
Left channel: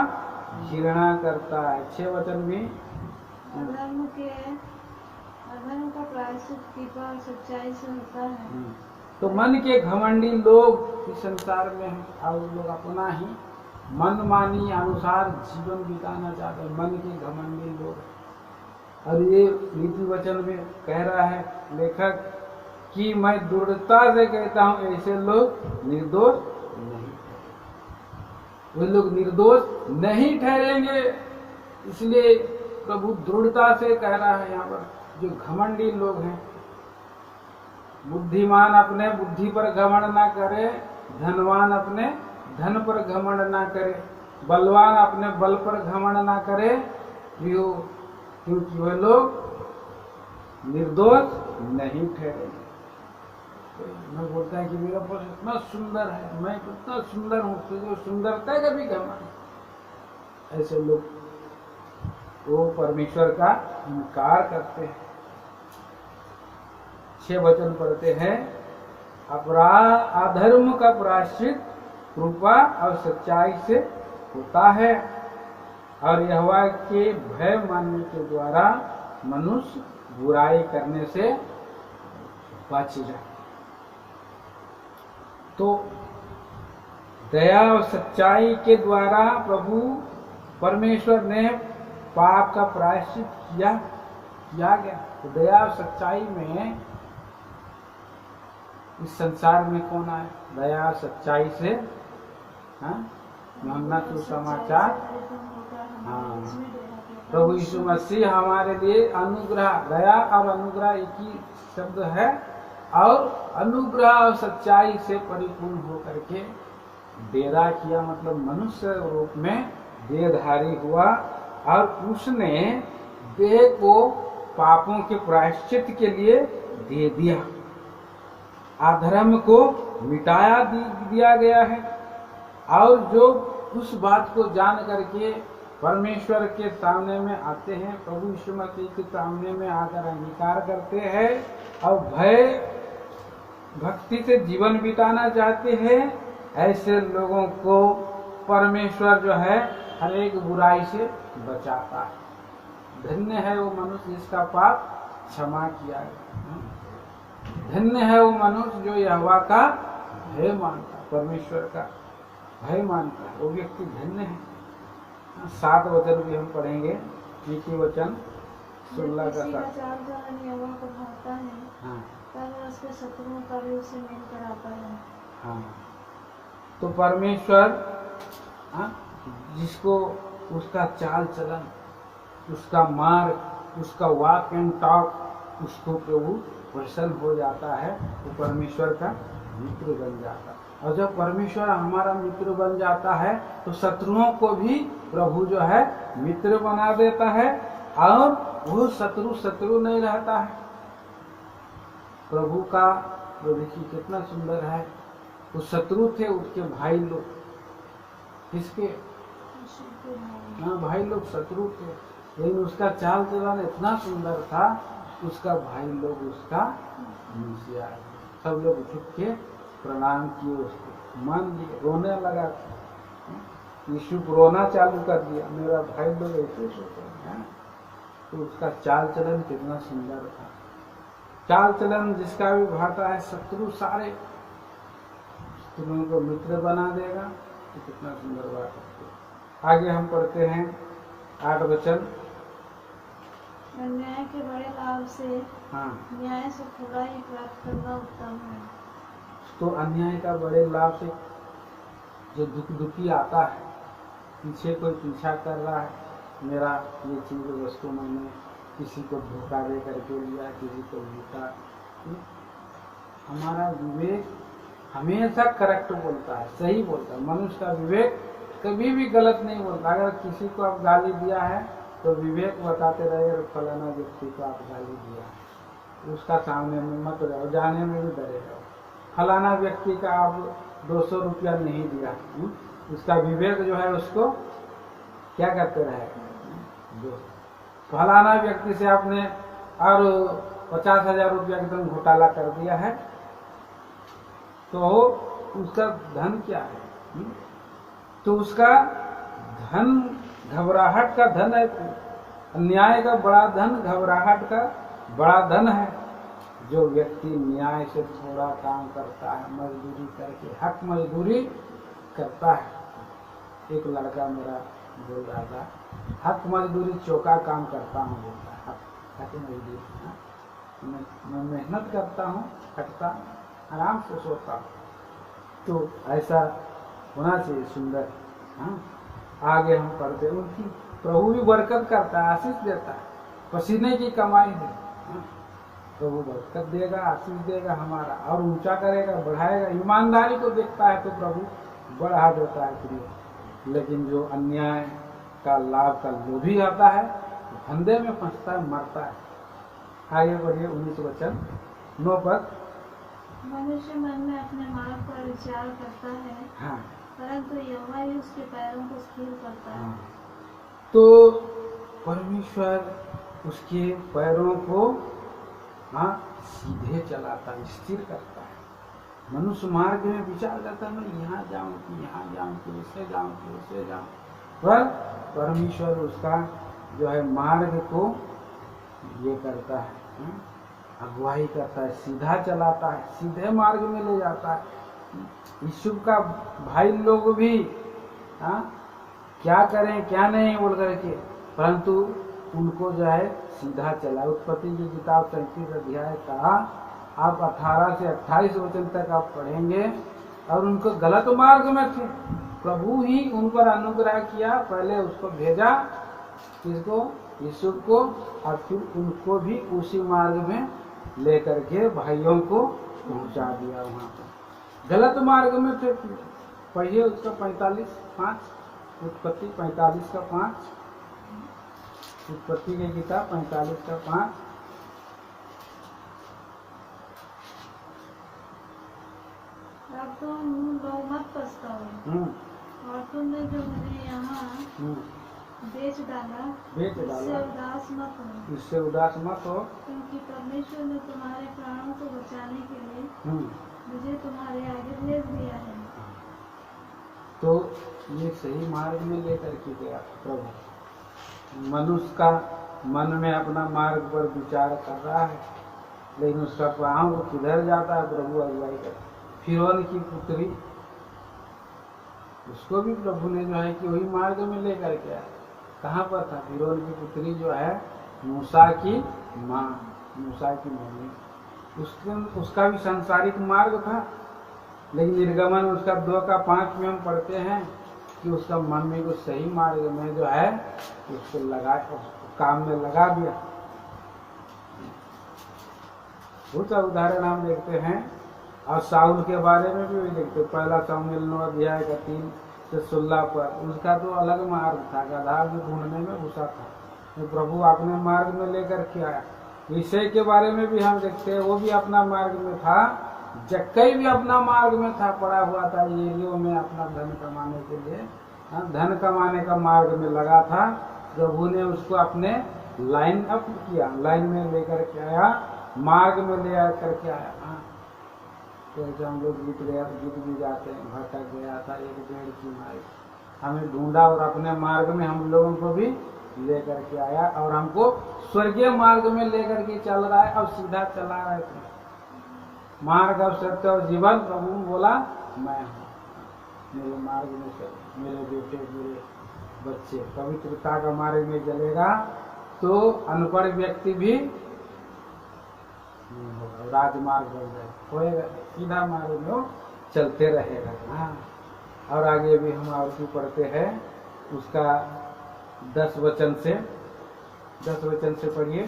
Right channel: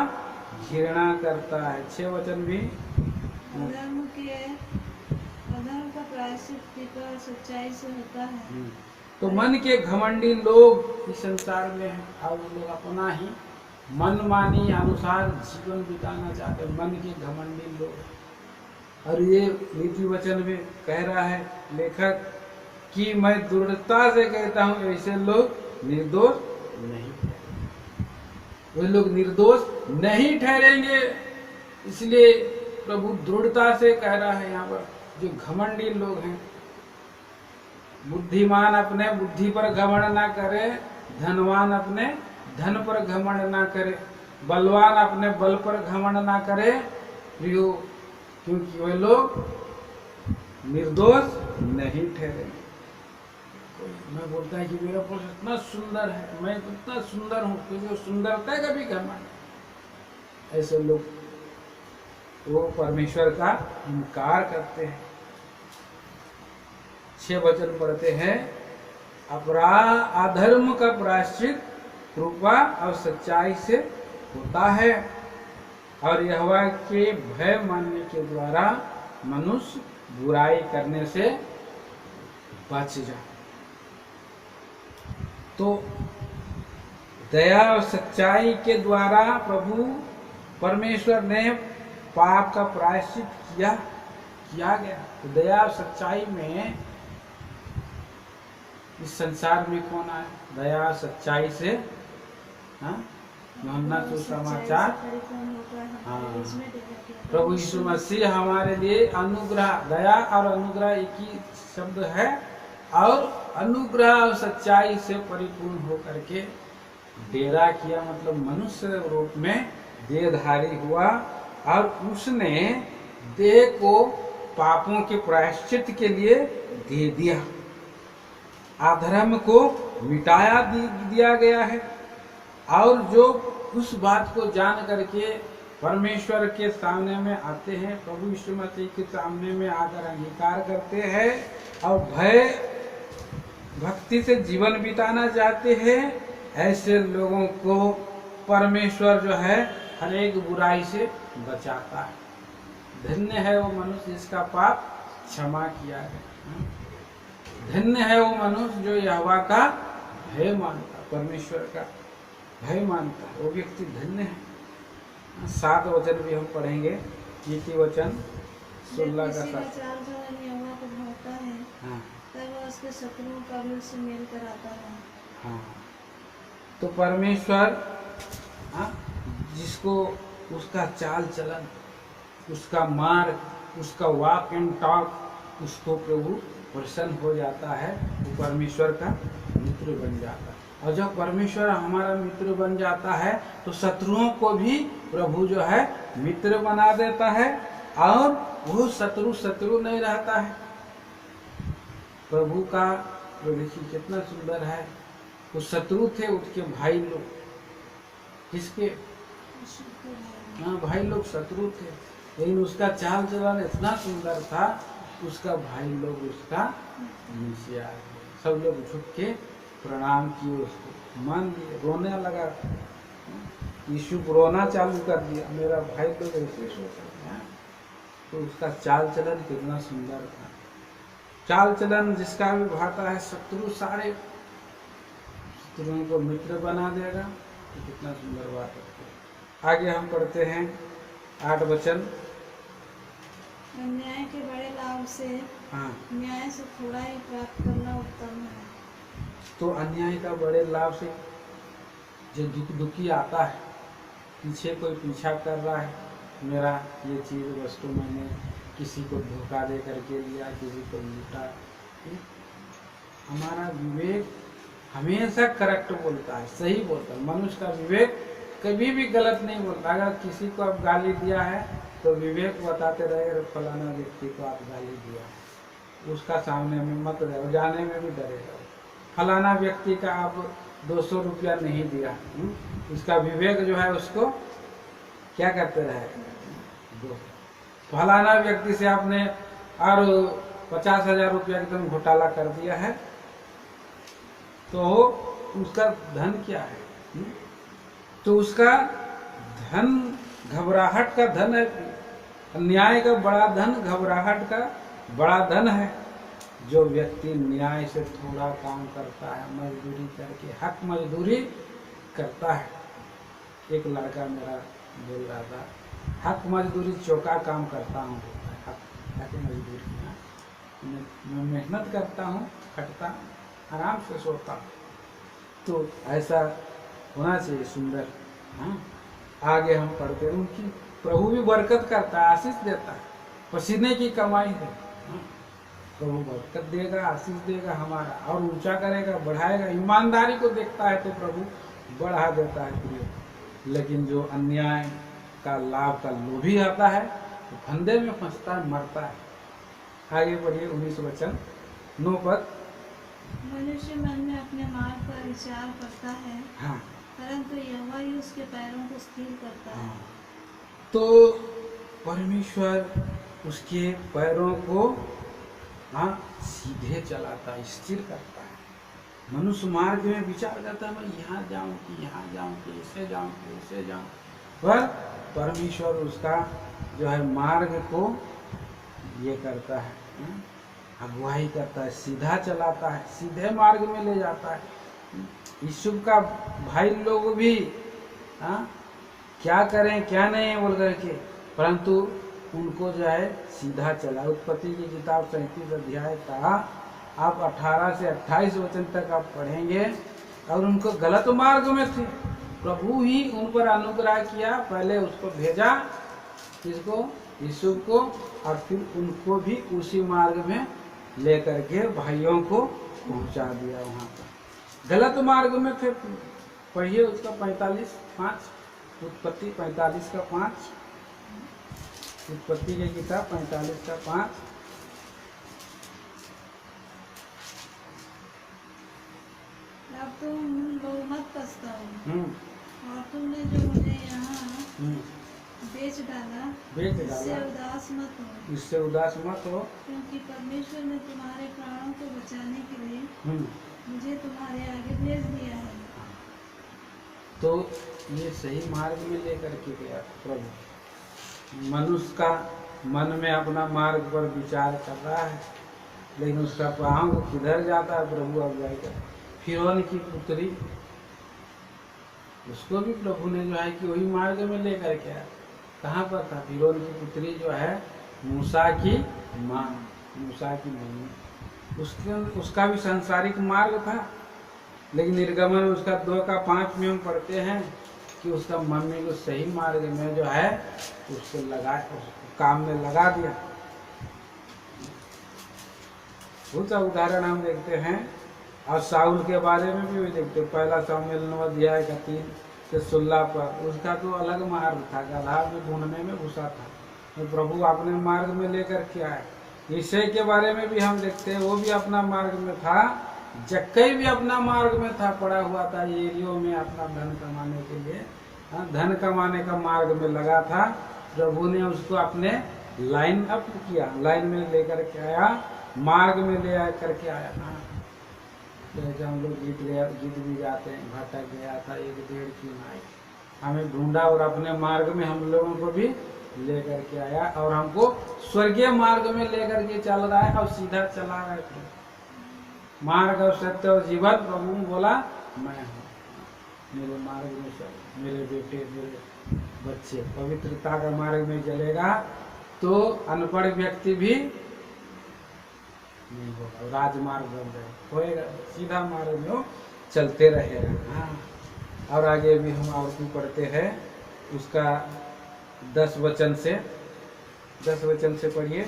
घृणा करता है। 6 वचन भी, अधर्म का प्रायश्चित कृपा और सच्चाई से होता है। तो मन के घमंडी लोग इस संसार में हैं और लोग अपना ही मनमानी अनुसार जीवन बिताना चाहते हैं। मन के घमंडी लोग। और ये नीति वचन में कह रहा है लेखक कि मैं दृढ़ता से कहता हूँ ऐसे लोग निर्दोष नहीं, वे लोग निर्दोष नहीं ठहरेंगे। इसलिए प्रभु दृढ़ता से कह रहा है यहाँ पर, जो घमंडी लोग हैं, बुद्धिमान अपने बुद्धि पर घमंड ना करे, धनवान अपने धन पर घमंड ना करे, बलवान अपने बल पर घमंड ना करे, क्योंकि वे लोग निर्दोष नहीं ठहरेंगे। मैं बोलता है कि मेरा पुरुष इतना सुंदर है, मैं इतना सुंदर हूँ, तुझे सुंदरता का भी घमंड। ऐसे लोग वो परमेश्वर का इनकार करते हैं। 6 वचन पढ़ते हैं, अपराध अधर्म का प्रायश्चित कृपा और सच्चाई से होता है और यहोवा के भय मानने के द्वारा मनुष्य बुराई करने से बच जाए। तो दया और सच्चाई के द्वारा प्रभु परमेश्वर ने पाप का प्रायश्चित किया गया। तो दया और सच्चाई में इस संसार में कौन आए? दया और सच्चाई से, हाँ, यूहन्ना सुसमाचार, हाँ, प्रभु यीशु मसीह हमारे लिए अनुग्रह, दया और अनुग्रह एक ही शब्द है, और अनुग्रह और सच्चाई से परिपूर्ण होकर के डेरा किया, मतलब मनुष्य रूप में देहधारी हुआ और उसने देह को पापों के प्रायश्चित के लिए दे दिया। अधर्म को मिटाया दिया गया है। और जो उस बात को जान करके परमेश्वर के सामने में आते हैं, प्रभु यीशु मसीह के सामने में आकर अंगीकार करते हैं और भय भक्ति से जीवन बिताना चाहते हैं, ऐसे लोगों को परमेश्वर जो है हर एक बुराई से बचाता है। धन्य है वो मनुष्य जिसका पाप क्षमा किया गया। धन्य है वो मनुष्य जो यहोवा का भय मानता, परमेश्वर का भय मानता है, वो व्यक्ति धन्य है। 7 वचन भी हम पढ़ेंगे, नीति वचन 16 का 7। यहोवा को भाता है, हाँ, तब वो उसके शत्रुओं का भी उससे मेल कराता है। हाँ, तो परमेश्वर, हाँ, जिसको उसका चाल चलन, उसका मार्ग, उसका वॉक एंड टॉक, उसको प्रभु प्रसन्न हो जाता है, वो परमेश्वर का मित्र बन जाता है। और जब परमेश्वर हमारा मित्र बन जाता है तो शत्रुओं को भी प्रभु जो है मित्र बना देता है, और वो शत्रु नहीं रहता है। प्रभु का जो देखिए कितना सुंदर है, वो शत्रु थे उसके भाई लोग, किसके? हाँ, भाई लोग शत्रु थे, लेकिन उसका चाल चलन इतना सुंदर था, उसका भाई लोग उसका नीचे आ गए, सब लोग झुक के प्रणाम किए, उसको मान लिए, रोने लगा। यीशु रोना चालू कर दिया, मेरा भाई लोग ऐसे सोच रहे हैं। तो उसका चाल चलन कितना सुंदर था। चाल चलन जिसका भी भाता है, शत्रु सारे शत्रुओं को मित्र बना देगा। तो कितना सुंदर बात है। आगे हम पढ़ते हैं 8 वचन। अन्याय के बड़े लाभ से हाँ, न्याय से थोड़ा ही प्राप्त करना उत्तम है। तो अन्याय का बड़े लाभ से जो दुखी आता है, पीछे कोई पीछा कर रहा है, मेरा ये चीज़ वस्तु मैंने किसी को धोखा दे करके लिया, किसी को लूटा, हमारा विवेक हमेशा करेक्ट बोलता है, सही बोलता है। मनुष्य का विवेक कभी भी गलत नहीं बोलता। अगर किसी को आप गाली दिया है तो विवेक बताते रहे, फलाना व्यक्ति को आप गाली दिया है, उसका सामने में मत रहो, जाने में भी डरेगा। फलाना व्यक्ति का आप 200 रुपया नहीं दिया, उसका विवेक जो है उसको क्या करते रहेगा। फलाना व्यक्ति से आपने और 50,000 रुपया एकदम घोटाला कर दिया है, तो उसका धन क्या है, तो उसका धन घबराहट का धन है। अन्याय का बड़ा धन घबराहट का बड़ा धन है। जो व्यक्ति न्याय से थोड़ा काम करता है, मजदूरी करके हक मजदूरी करता है। एक लड़का मेरा बोल रहा था, हक मजदूरी चौका काम करता हूँ बोलता है। हक मजदूरी, मैं मेहनत करता हूँ, खटता, आराम से सोता हूँ। तो ऐसा होना चाहिए, सुंदर। हाँ, आगे हम पढ़ते हैं, उनकी प्रभु भी बरकत करता है, आशीष देता है, पसीने की कमाई है। हाँ, प्रभु बरकत देगा, आशीष देगा हमारा, और ऊंचा करेगा, बढ़ाएगा। ईमानदारी को देखता है तो प्रभु बढ़ा देता है प्रिय। लेकिन जो अन्याय का लाभ का लोभी आता है तो फंदे में फंसता है, मरता है। आगे बढ़िए 19 वचन 9 पद। मनुष्य मन में अपने मार्ग पर विचार करता है, हाँ, परंतु यहोवा ही उसके पैरों को स्थिर करता है। तो परमेश्वर उसके पैरों को सीधे चलाता है, स्थिर करता है। मनुष्य मार्ग में विचार करता है, मैं यहाँ जाऊँ कि यहाँ जाऊँ कि ऐसे जाऊँ कि ऐसे जाऊँ, पर परमेश्वर उसका जो है मार्ग को ये करता है, अगुवाई करता है, सीधा चलाता है, सीधे मार्ग में ले जाता है। यीशु का भाई लोग भी क्या करें क्या नहीं बोल करके, परंतु उनको जो है सीधा चला। उत्पत्ति की किताब 37 अध्याय का आप 18 से 28 वचन तक आप पढ़ेंगे, और उनको गलत मार्ग में थे, प्रभु ही उन पर अनुग्रह किया। पहले उसको भेजा, किसको, यीशु को, और फिर उनको भी उसी मार्ग में लेकर के भाइयों को पहुंचा दिया। वहाँ पर गलत मार्ग में थे। पढ़िए उसका 45:5, उत्पत्ति 45 का 5, उत्पत्ति की किताब 45 का 5। अब तुम लोग मत पछताओ, और तुमने जो उन्हें यहाँ बेच डाला, इससे उदास मत हो। इससे उदास मत हो, क्योंकि परमेश्वर ने तुम्हारे प्राणों को बचाने के लिए मुझे तुम्हारे आगे भेज दिया है। तो ये सही मार्ग में लेकर के गया प्रभु। मनुष्य का मन में अपना मार्ग पर विचार कर रहा है, लेकिन उसका पाँव को किधर जाता है, प्रभु अगुवाई कर। फिरौन की पुत्री, उसको भी प्रभु ने जो है कि वही मार्ग में लेकर के आया। कहाँ पर था? फिरौन की पुत्री जो है मूसा की माँ, मूसा की मम्मी, उसका भी सांसारिक मार्ग था। लेकिन निर्गमन उसका 2 का 5 में हम पढ़ते हैं कि उसका मम्मी को सही मार्ग में जो है उसको काम में लगा दिया। बहुत सा उदाहरण हम देखते हैं, और साउल के बारे में भी देखते हैं। 1 शामुएल 9 अध्याय का 3 से 16 पर उसका तो अलग मार्ग था, गदहा में ढूंढने में घुसा था, तो प्रभु अपने मार्ग में लेकर के आया। ईशै के बारे में भी हम देखते हैं, वो भी अपना मार्ग में था। जक्कई भी अपना मार्ग में था, पड़ा हुआ था एरियो में अपना धन कमाने के लिए, धन कमाने का मार्ग में लगा था। प्रभु ने उसको अपने लाइन अप किया, लाइन में लेकर के आया, मार्ग में ले करके आया। जैसे हम लोग गीत भी गाते हैं, भटक गया था 1 डेढ़ की माई, हमें ढूंढा और अपने मार्ग में हम लोगों को भी लेकर के आया और हमको स्वर्गीय मार्ग में लेकर के चल रहा है। अब सीधा चला रहा है प्रभु। मार्ग और सत्य और जीवन प्रभु बोला मैं हूँ। मेरे मार्ग में सब मेरे बेटे मेरे बच्चे पवित्रता का मार्ग में चलेगा तो अनपढ़ व्यक्ति भी नहीं होगा, राजमार्ग बन जाए होएगा, सीधा मार्ग में वो चलते रहेगा। हाँ, और आगे भी हम और क्यों पढ़ते हैं उसका 10 वचन से पढ़िए।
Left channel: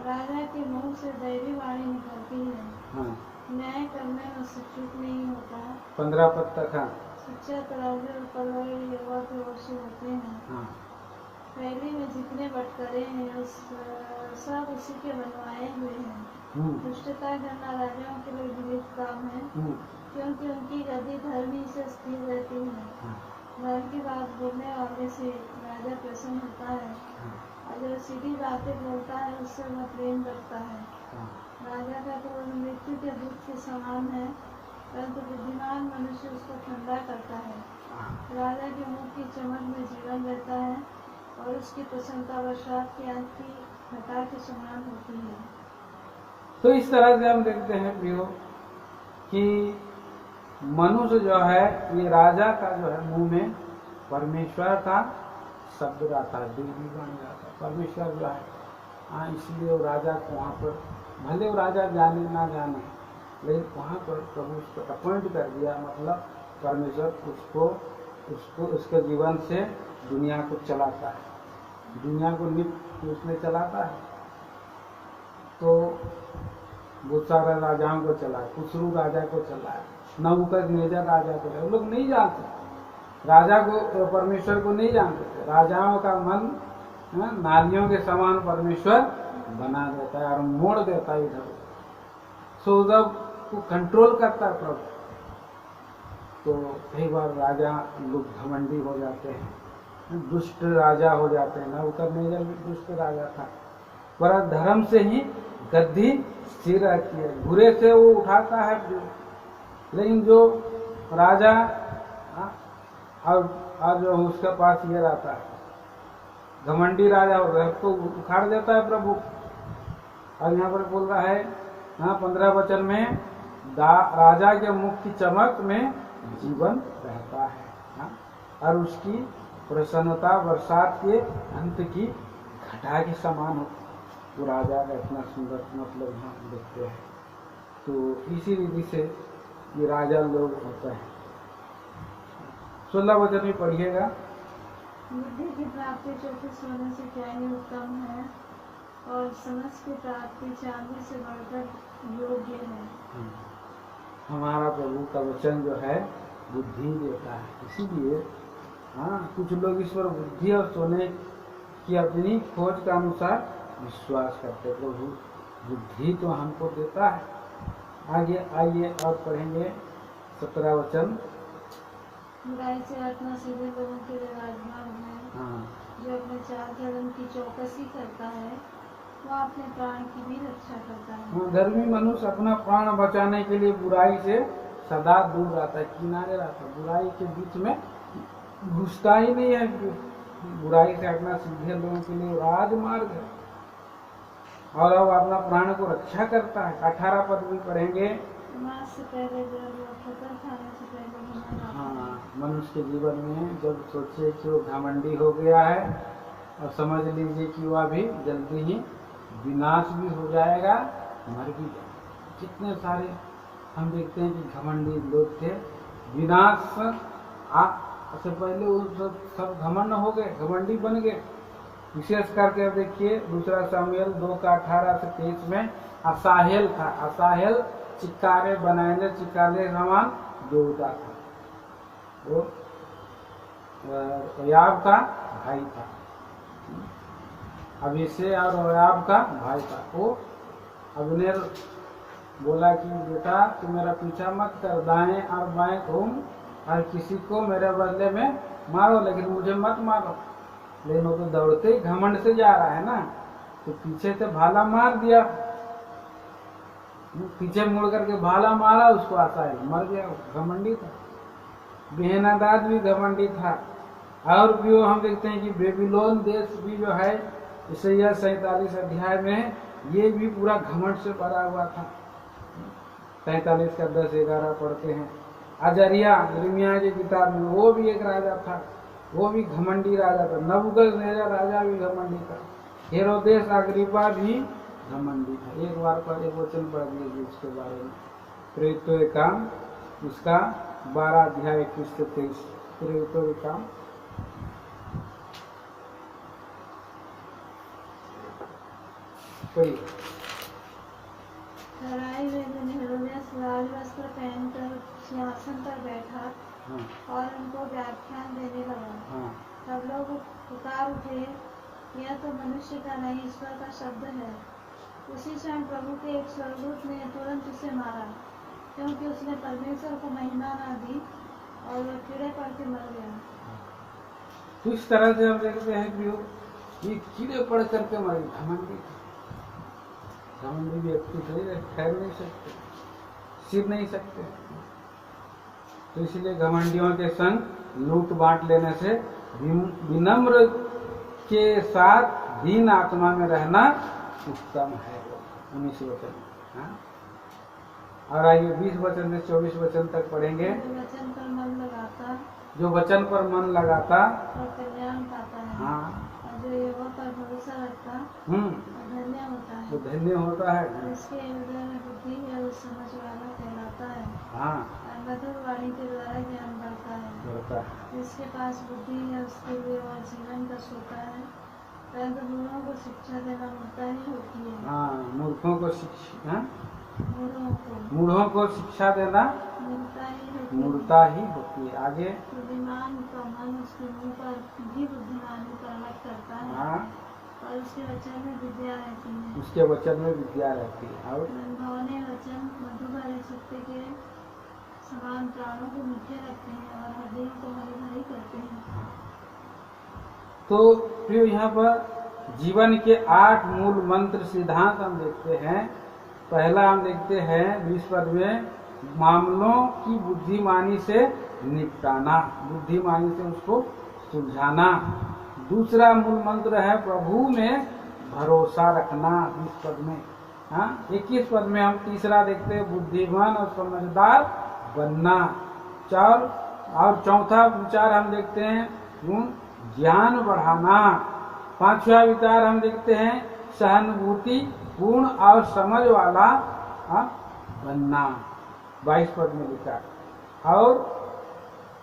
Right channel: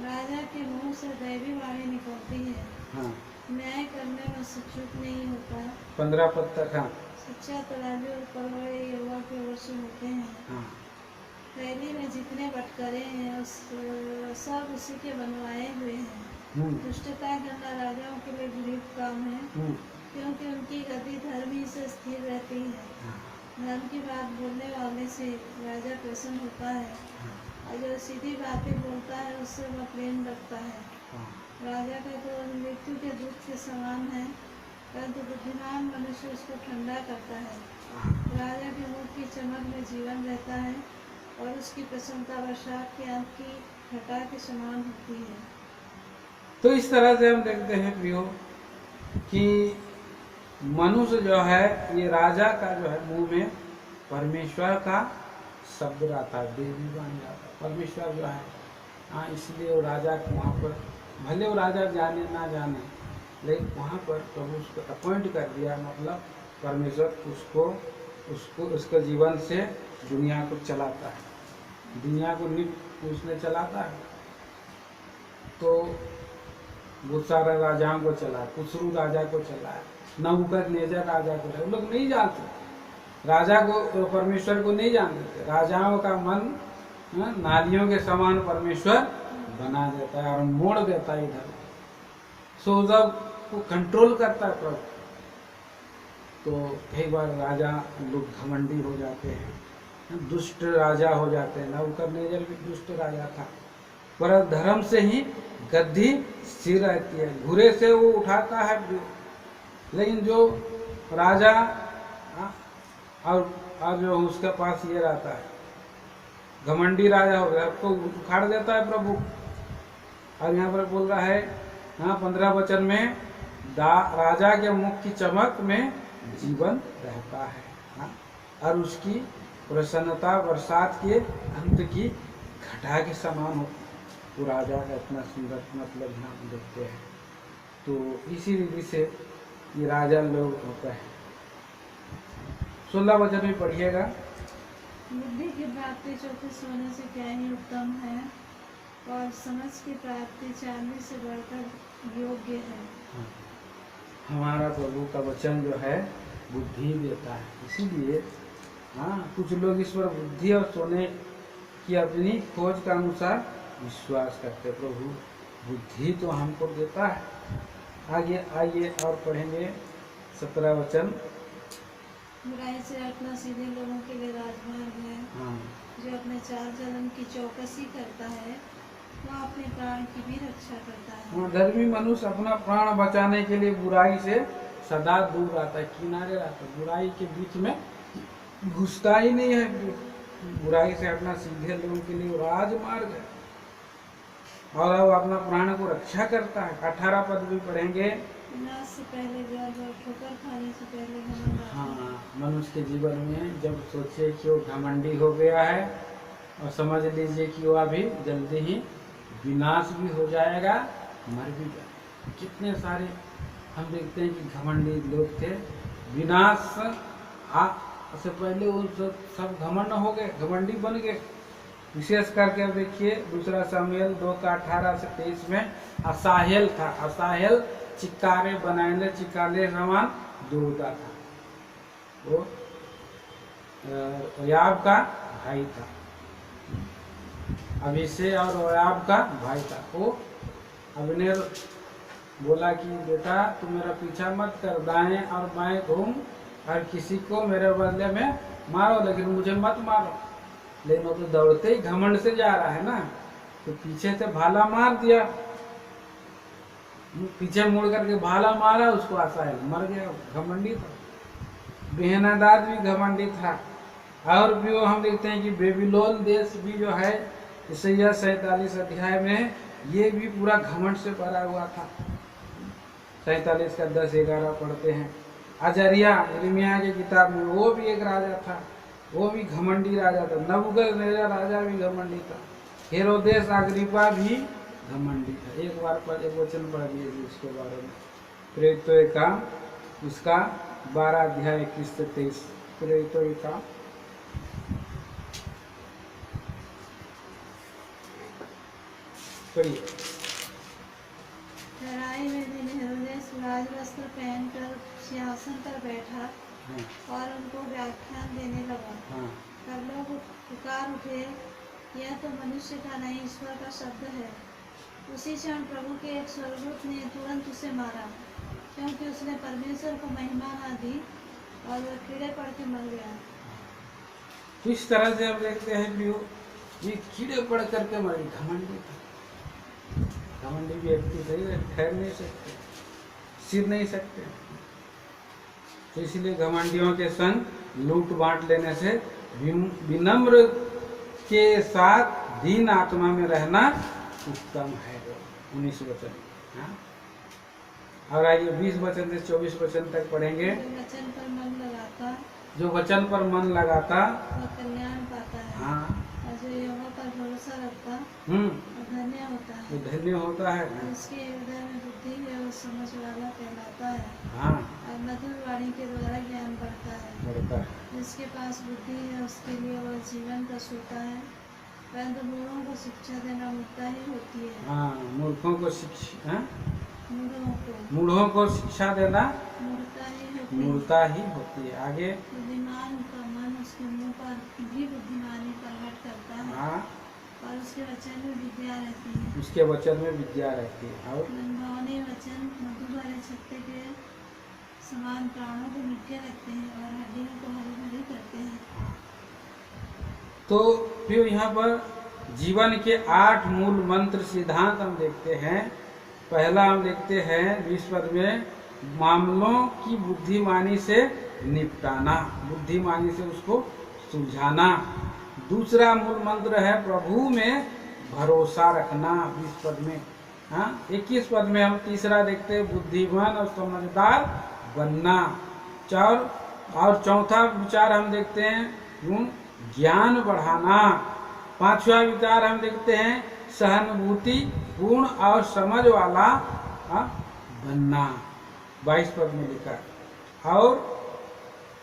राजा के मुंह से दैवी वाणी निकलती है। हाँ, न्याय करने में से चूक नहीं होता। 15 पद तक। हाँ, सच्चा तराजू और पलड़े यहोवा के वश होते हैं। हाँ, पहली में जितने बटकरे हैं उस सब उसी के बनवाए हुए हैं। दुष्टता करना राजाओं के लिए घृणित काम है, क्योंकि उनकी गद्दी धर्म ही से स्थिर रहती है। धर्म की बात बोलने वाले से राजा प्रसन्न होता है, और जो सीधी बातें बोलता है उससे वह प्रेम रखता है। राजा का क्रोध मृत्यु के दूत के समान है, परंतु बुद्धिमान मनुष्य उसको ठंडा करता है। राजा के मुख की चमक में जीवन रहता है, और उसकी प्रसन्नता बरसात के अंत की घटा के समान होती है। तो इस तरह से हम देखते हैं प्रियो कि मनुष्य जो है ये राजा का जो है मुंह में परमेश्वर का शब्द रहता है, देवी वाणी रहता है। परमेश्वर जो है हाँ, इसलिए वो राजा को वहाँ पर भले वो राजा जाने ना जाने, लेकिन वहाँ पर प्रभु उसको अपॉइंट कर दिया, मतलब परमेश्वर उसको उसके जीवन से दुनिया को चलाता है, दुनिया को नित्य उसने चलाता है। तो बहुत सारे राजाओं को चला, खुसरू राजा को चलाया, नबूकदनेस्सर राजा को चलाया। लोग नहीं जानते राजा को, परमेश्वर को नहीं जानते थे। राजाओं का मन नालियों के समान परमेश्वर बना देता है और मोड़ देता है इधर। सो जब को कंट्रोल करता है प्रभु, तो कई बार राजा लोग घमंडी हो जाते हैं, दुष्ट राजा हो जाते हैं। नबूकदनेस्सर भी दुष्ट राजा था, पर धर्म से ही गद्दी स्थिर रहती है। बुरे से वो उठाता है, लेकिन जो राजा और जो उसके पास ये रहता है घमंडी राजा हो गया तो उखाड़ देता है प्रभु। और यहाँ पर बोल रहा है 15 वचन में राजा के मुख की चमक में जीवन रहता है। और उसकी प्रसन्नता बरसात के अंत की घटा के समान होती है। वो राजा का इतना सुंदर मतलब यहाँ देखते हैं। तो इसी रीति से ये राजा लोग होते हैं। 16 वचन में पढ़िएगा। बुद्धि की प्राप्ति चौके सोने से क्या ही उत्तम है, और समझ की प्राप्ति चांदी से बढ़कर योग्य है। हमारा प्रभु का वचन जो है बुद्धि देता है, इसीलिए कुछ लोग इस पर बुद्धि और सोने की अपनी खोज के अनुसार विश्वास करते। प्रभु बुद्धि तो हमको देता है। आगे आइए और पढ़ेंगे 17 वचन। बुराई से हटना सीधे लोगों के लिए राजमार्ग है। जो अपने चाल चलन की चौकसी करता है वह अपने प्राण की भी रक्षा करता है। धर्मी मनुष्य अपना प्राण बचाने के लिए बुराई से सदा दूर रहता है, किनारे रहता है, बुराई के बीच में घुसता ही नहीं है। बुराई से हटना सीधे लोगों के लिए राजमार्ग है, और अब अपना प्राण को रक्षा करता है। 18 पद भी पढ़ेंगे। विनाश से पहले गर्व और ठोकर खाने से पहले घमंड। मनुष्य के जीवन में जब सोचे कि वो घमंडी हो गया है, और समझ लीजिए कि वह अभी जल्दी ही विनाश भी हो जाएगा, मर भी जाएगा। कितने सारे हम देखते हैं कि घमंडी लोग थे, विनाश से पहले उन सब घमंड हो गए, घमंडी बन गए। विशेष करके देखिए 2 शमूएल 2:18 से 23 में असाहेल था। असाहेल चिक्कारे बनाने चिक्कारे समान दौड़ता था। वो योआब का भाई था, अबीशै और योआब का भाई था। वो अब्नेर बोला कि बेटा तू मेरा पीछा मत कर, दाएं और बाएं घूम और किसी को मेरे बदले में मारो, लेकिन मुझे मत मारो। लेकिन वो तो दौड़ते ही घमंड से जा रहा है ना, तो पीछे से भाला मार दिया, पीछे मुड़ करके भाला मारा उसको, असाहेल मर गया। घमंडी था। बेहनादाद भी घमंडी था, और भी वो हम देखते हैं कि बेबीलोन देश भी जो है ईसाइया 47 अध्याय में ये भी पूरा घमंड से भरा हुआ था। 47 का 10-11 पढ़ते हैं। अजरिया यिर्मयाह की किताब में वो भी एक राजा था, वो भी घमंडी राजा था। नबूकदनेस्सर राजा भी घमंडी था। हेरोदेस अग्रिप्पा भी घमंडी था। एक बार पर एक वचन पढ़ दिए इसके बारे में, प्रेरितों के काम उसका 12 अध्याय 21 से 23। प्रेरितों के काम पढ़िए। लड़ाई में दिन हेरोदेस राजवस्त्र पहनकर सिंहासन पर बैठा और उनको व्याख्यान देने लगा। तब लोग पुकार उठे, यह तो मनुष्य का नहीं ईश्वर का शब्द है। उसी क्षण प्रभु के एक स्वर्गदूत ने तुरंत उसे मारा, क्योंकि उसने परमेश्वर को महिमा न दी, और वह कीड़े पड़ के मर गया। इस तरह से हम देखते हैं प्रियो, ये कीड़े पड़ करके मरे। घमंडी था, घमंडी व्यक्ति थे, ठहर नहीं सकते, सिर नहीं सकते। तो इसलिए घमंडियों के संग लूट बांट लेने से विनम्र के साथ दीन आत्मा में रहना उत्तम है। 19 वचन। हाँ? और आइए 20 वचन से 24 वचन तक पढ़ेंगे। जो वचन पर मन लगाता वह कल्याण पाता है। हाँ। और जो यहोवा पर भरोसा रखता धन्य होता है। वो धन्य होता है। उसके हृदय में बुद्धि है, वो समझ वाला कहलाता है। हाँ। और मधुर वाणी के द्वारा ज्ञान बढ़ता है। जिसके पास बुद्धि है उसके लिए वह जीवन का सोता है, परंतु मूढ़ों को शिक्षा देना मूर्खता ही होती है। हाँ, मूर्खों को शिक्षा, मूढ़ों को शिक्षा देना मूर्खता ही होती है। आगे बुद्धिमान का मन उसके मुंह पर भी बुद्धिमानी प्रकट करता है। हाँ। और उसके वचन में विद्या रहती है। उसके वचन में विद्या रहती है। और मनभावने वचन मधु भरे छत्ते के समान प्राणों को मीठे रखते हैं और हड्डियों को हरी भरी करते हैं। तो फिर यहाँ पर जीवन के 8 मूल मंत्र सिद्धांत हम देखते हैं। पहला हम देखते हैं 20 पद में, मामलों की बुद्धिमानी से निपटाना, बुद्धिमानी से उसको सुलझाना। दूसरा मूल मंत्र है प्रभु में भरोसा रखना, 20 पद में। हाँ, 21 पद में हम तीसरा देखते हैं, बुद्धिमान और समझदार बनना। और चौथा विचार हम देखते हैं गुण ज्ञान बढ़ाना। पांचवा विचार हम देखते हैं सहानुभूति पूर्ण और समझ वाला बनना, 22 पद में लिखा। और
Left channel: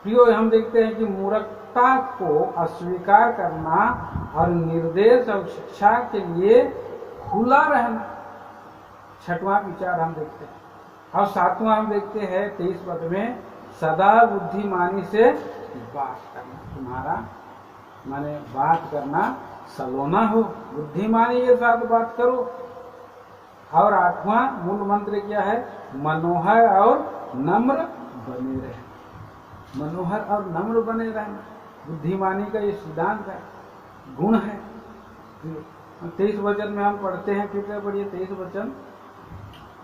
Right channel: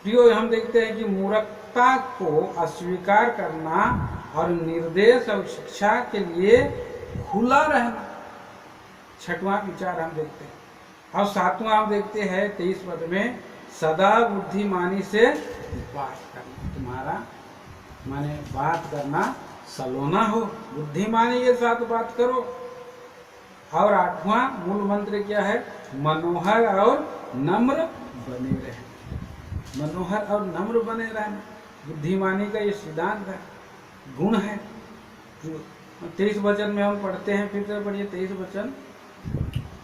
प्रियो हम देखते हैं कि मूर्खता को अस्वीकार करना और निर्देश और शिक्षा के लिए खुला रहना, 6वां विचार हम देखते हैं। और 7वां हम देखते हैं 23 पद में, सदा बुद्धिमानी से बात करना। तुम्हारा माने बात करना सलोना हो, बुद्धिमानी के साथ बात करो। और 8वां मूल मंत्र क्या है, मनोहर और नम्र बने रहना। मनोहर और नम्र बने रहना बुद्धिमानी का ये सिद्धांत है, गुण है। 23 वचन में हम पढ़ते हैं, फिर से पढ़िए 23 वचन।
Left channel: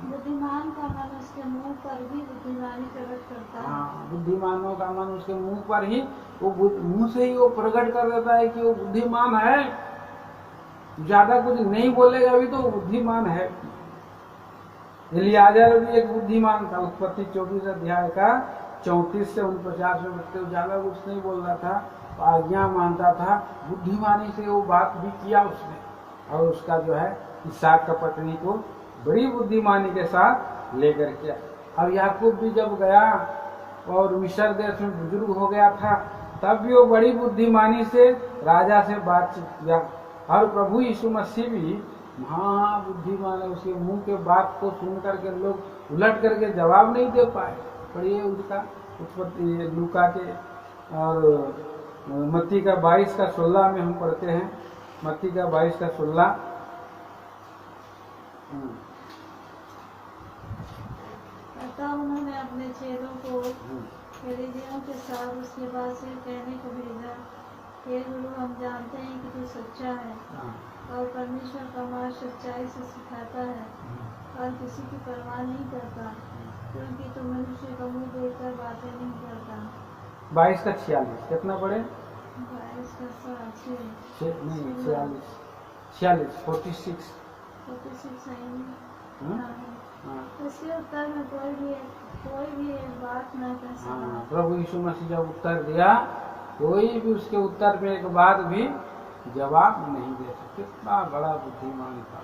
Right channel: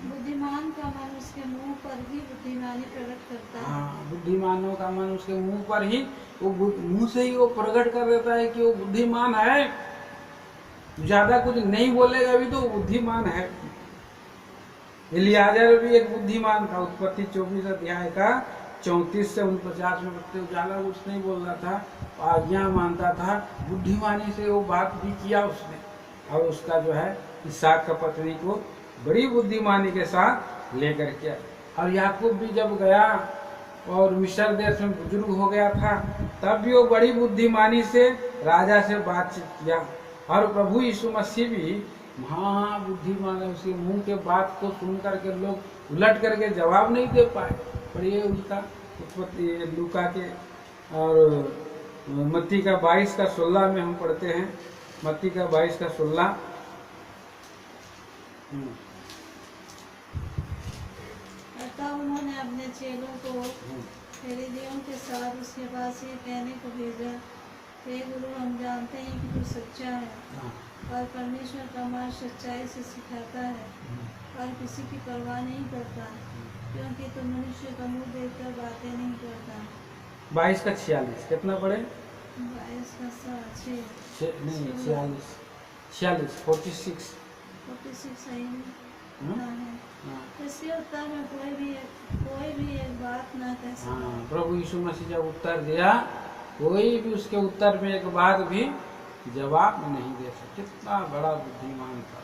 बुद्धिमान का मन उसके मुंह पर ही बुद्धिमानी प्रकट करता है। हाँ, बुद्धिमानों का मन उसके मुंह पर ही, वो मुंह से ही वो प्रकट कर देता है कि वो बुद्धिमान है। ज्यादा कुछ नहीं बोलेगा भी तो वो बुद्धिमान है। इलियाजर भी एक बुद्धिमान था। उत्पत्ति 24 अध्याय का 34 से 49 में बच्चे ज्यादा कुछ नहीं बोल रहा था, आज्ञा मानता था, बुद्धिमानी से वो बात भी किया उसने। और उसका जो है इसहाक का पत्नी को बड़ी बुद्धिमानी के साथ लेकर किया। और याकूब भी जब गया और मिस्र देश में बुजुर्ग हो गया था, तब भी वो बड़ी बुद्धिमानी से राजा से बातचीत किया। और प्रभु यीशु मसीह भी महाबुद्धिमान है, उसके मुंह के बात को सुन करके लोग उलट करके जवाब नहीं दे पाए। पढ़िए उसका उत्पत्ति लूका के और मत्ती का 22 का 16 में हम पढ़ते हैं। मत्ती का 22 का 16। अतः उन्होंने अपने चेलों को फरीसियों के साथ उसके पास ये कहने को भेजा, हे गुरु, हम जानते हैं कि तू सच्चा है और परमेश्वर का मार्ग सच्चाई से सिखाता है और किसी की परवाह नहीं करता, क्योंकि तू मनुष्य का मुंह देखकर बातें नहीं करता। 22 का 46 कितना पढ़े? 22 का 6 नहीं 46 46 सही ना है। इसके उत्तर में कोई भी एक बात ना कह सका। हाँ, प्रभु यीशु मसीह जब उत्तर दिया, कोई भी उसके उत्तर में एक बात भी जवाब नहीं दे सकता। कितना बड़ा बुद्धिमान था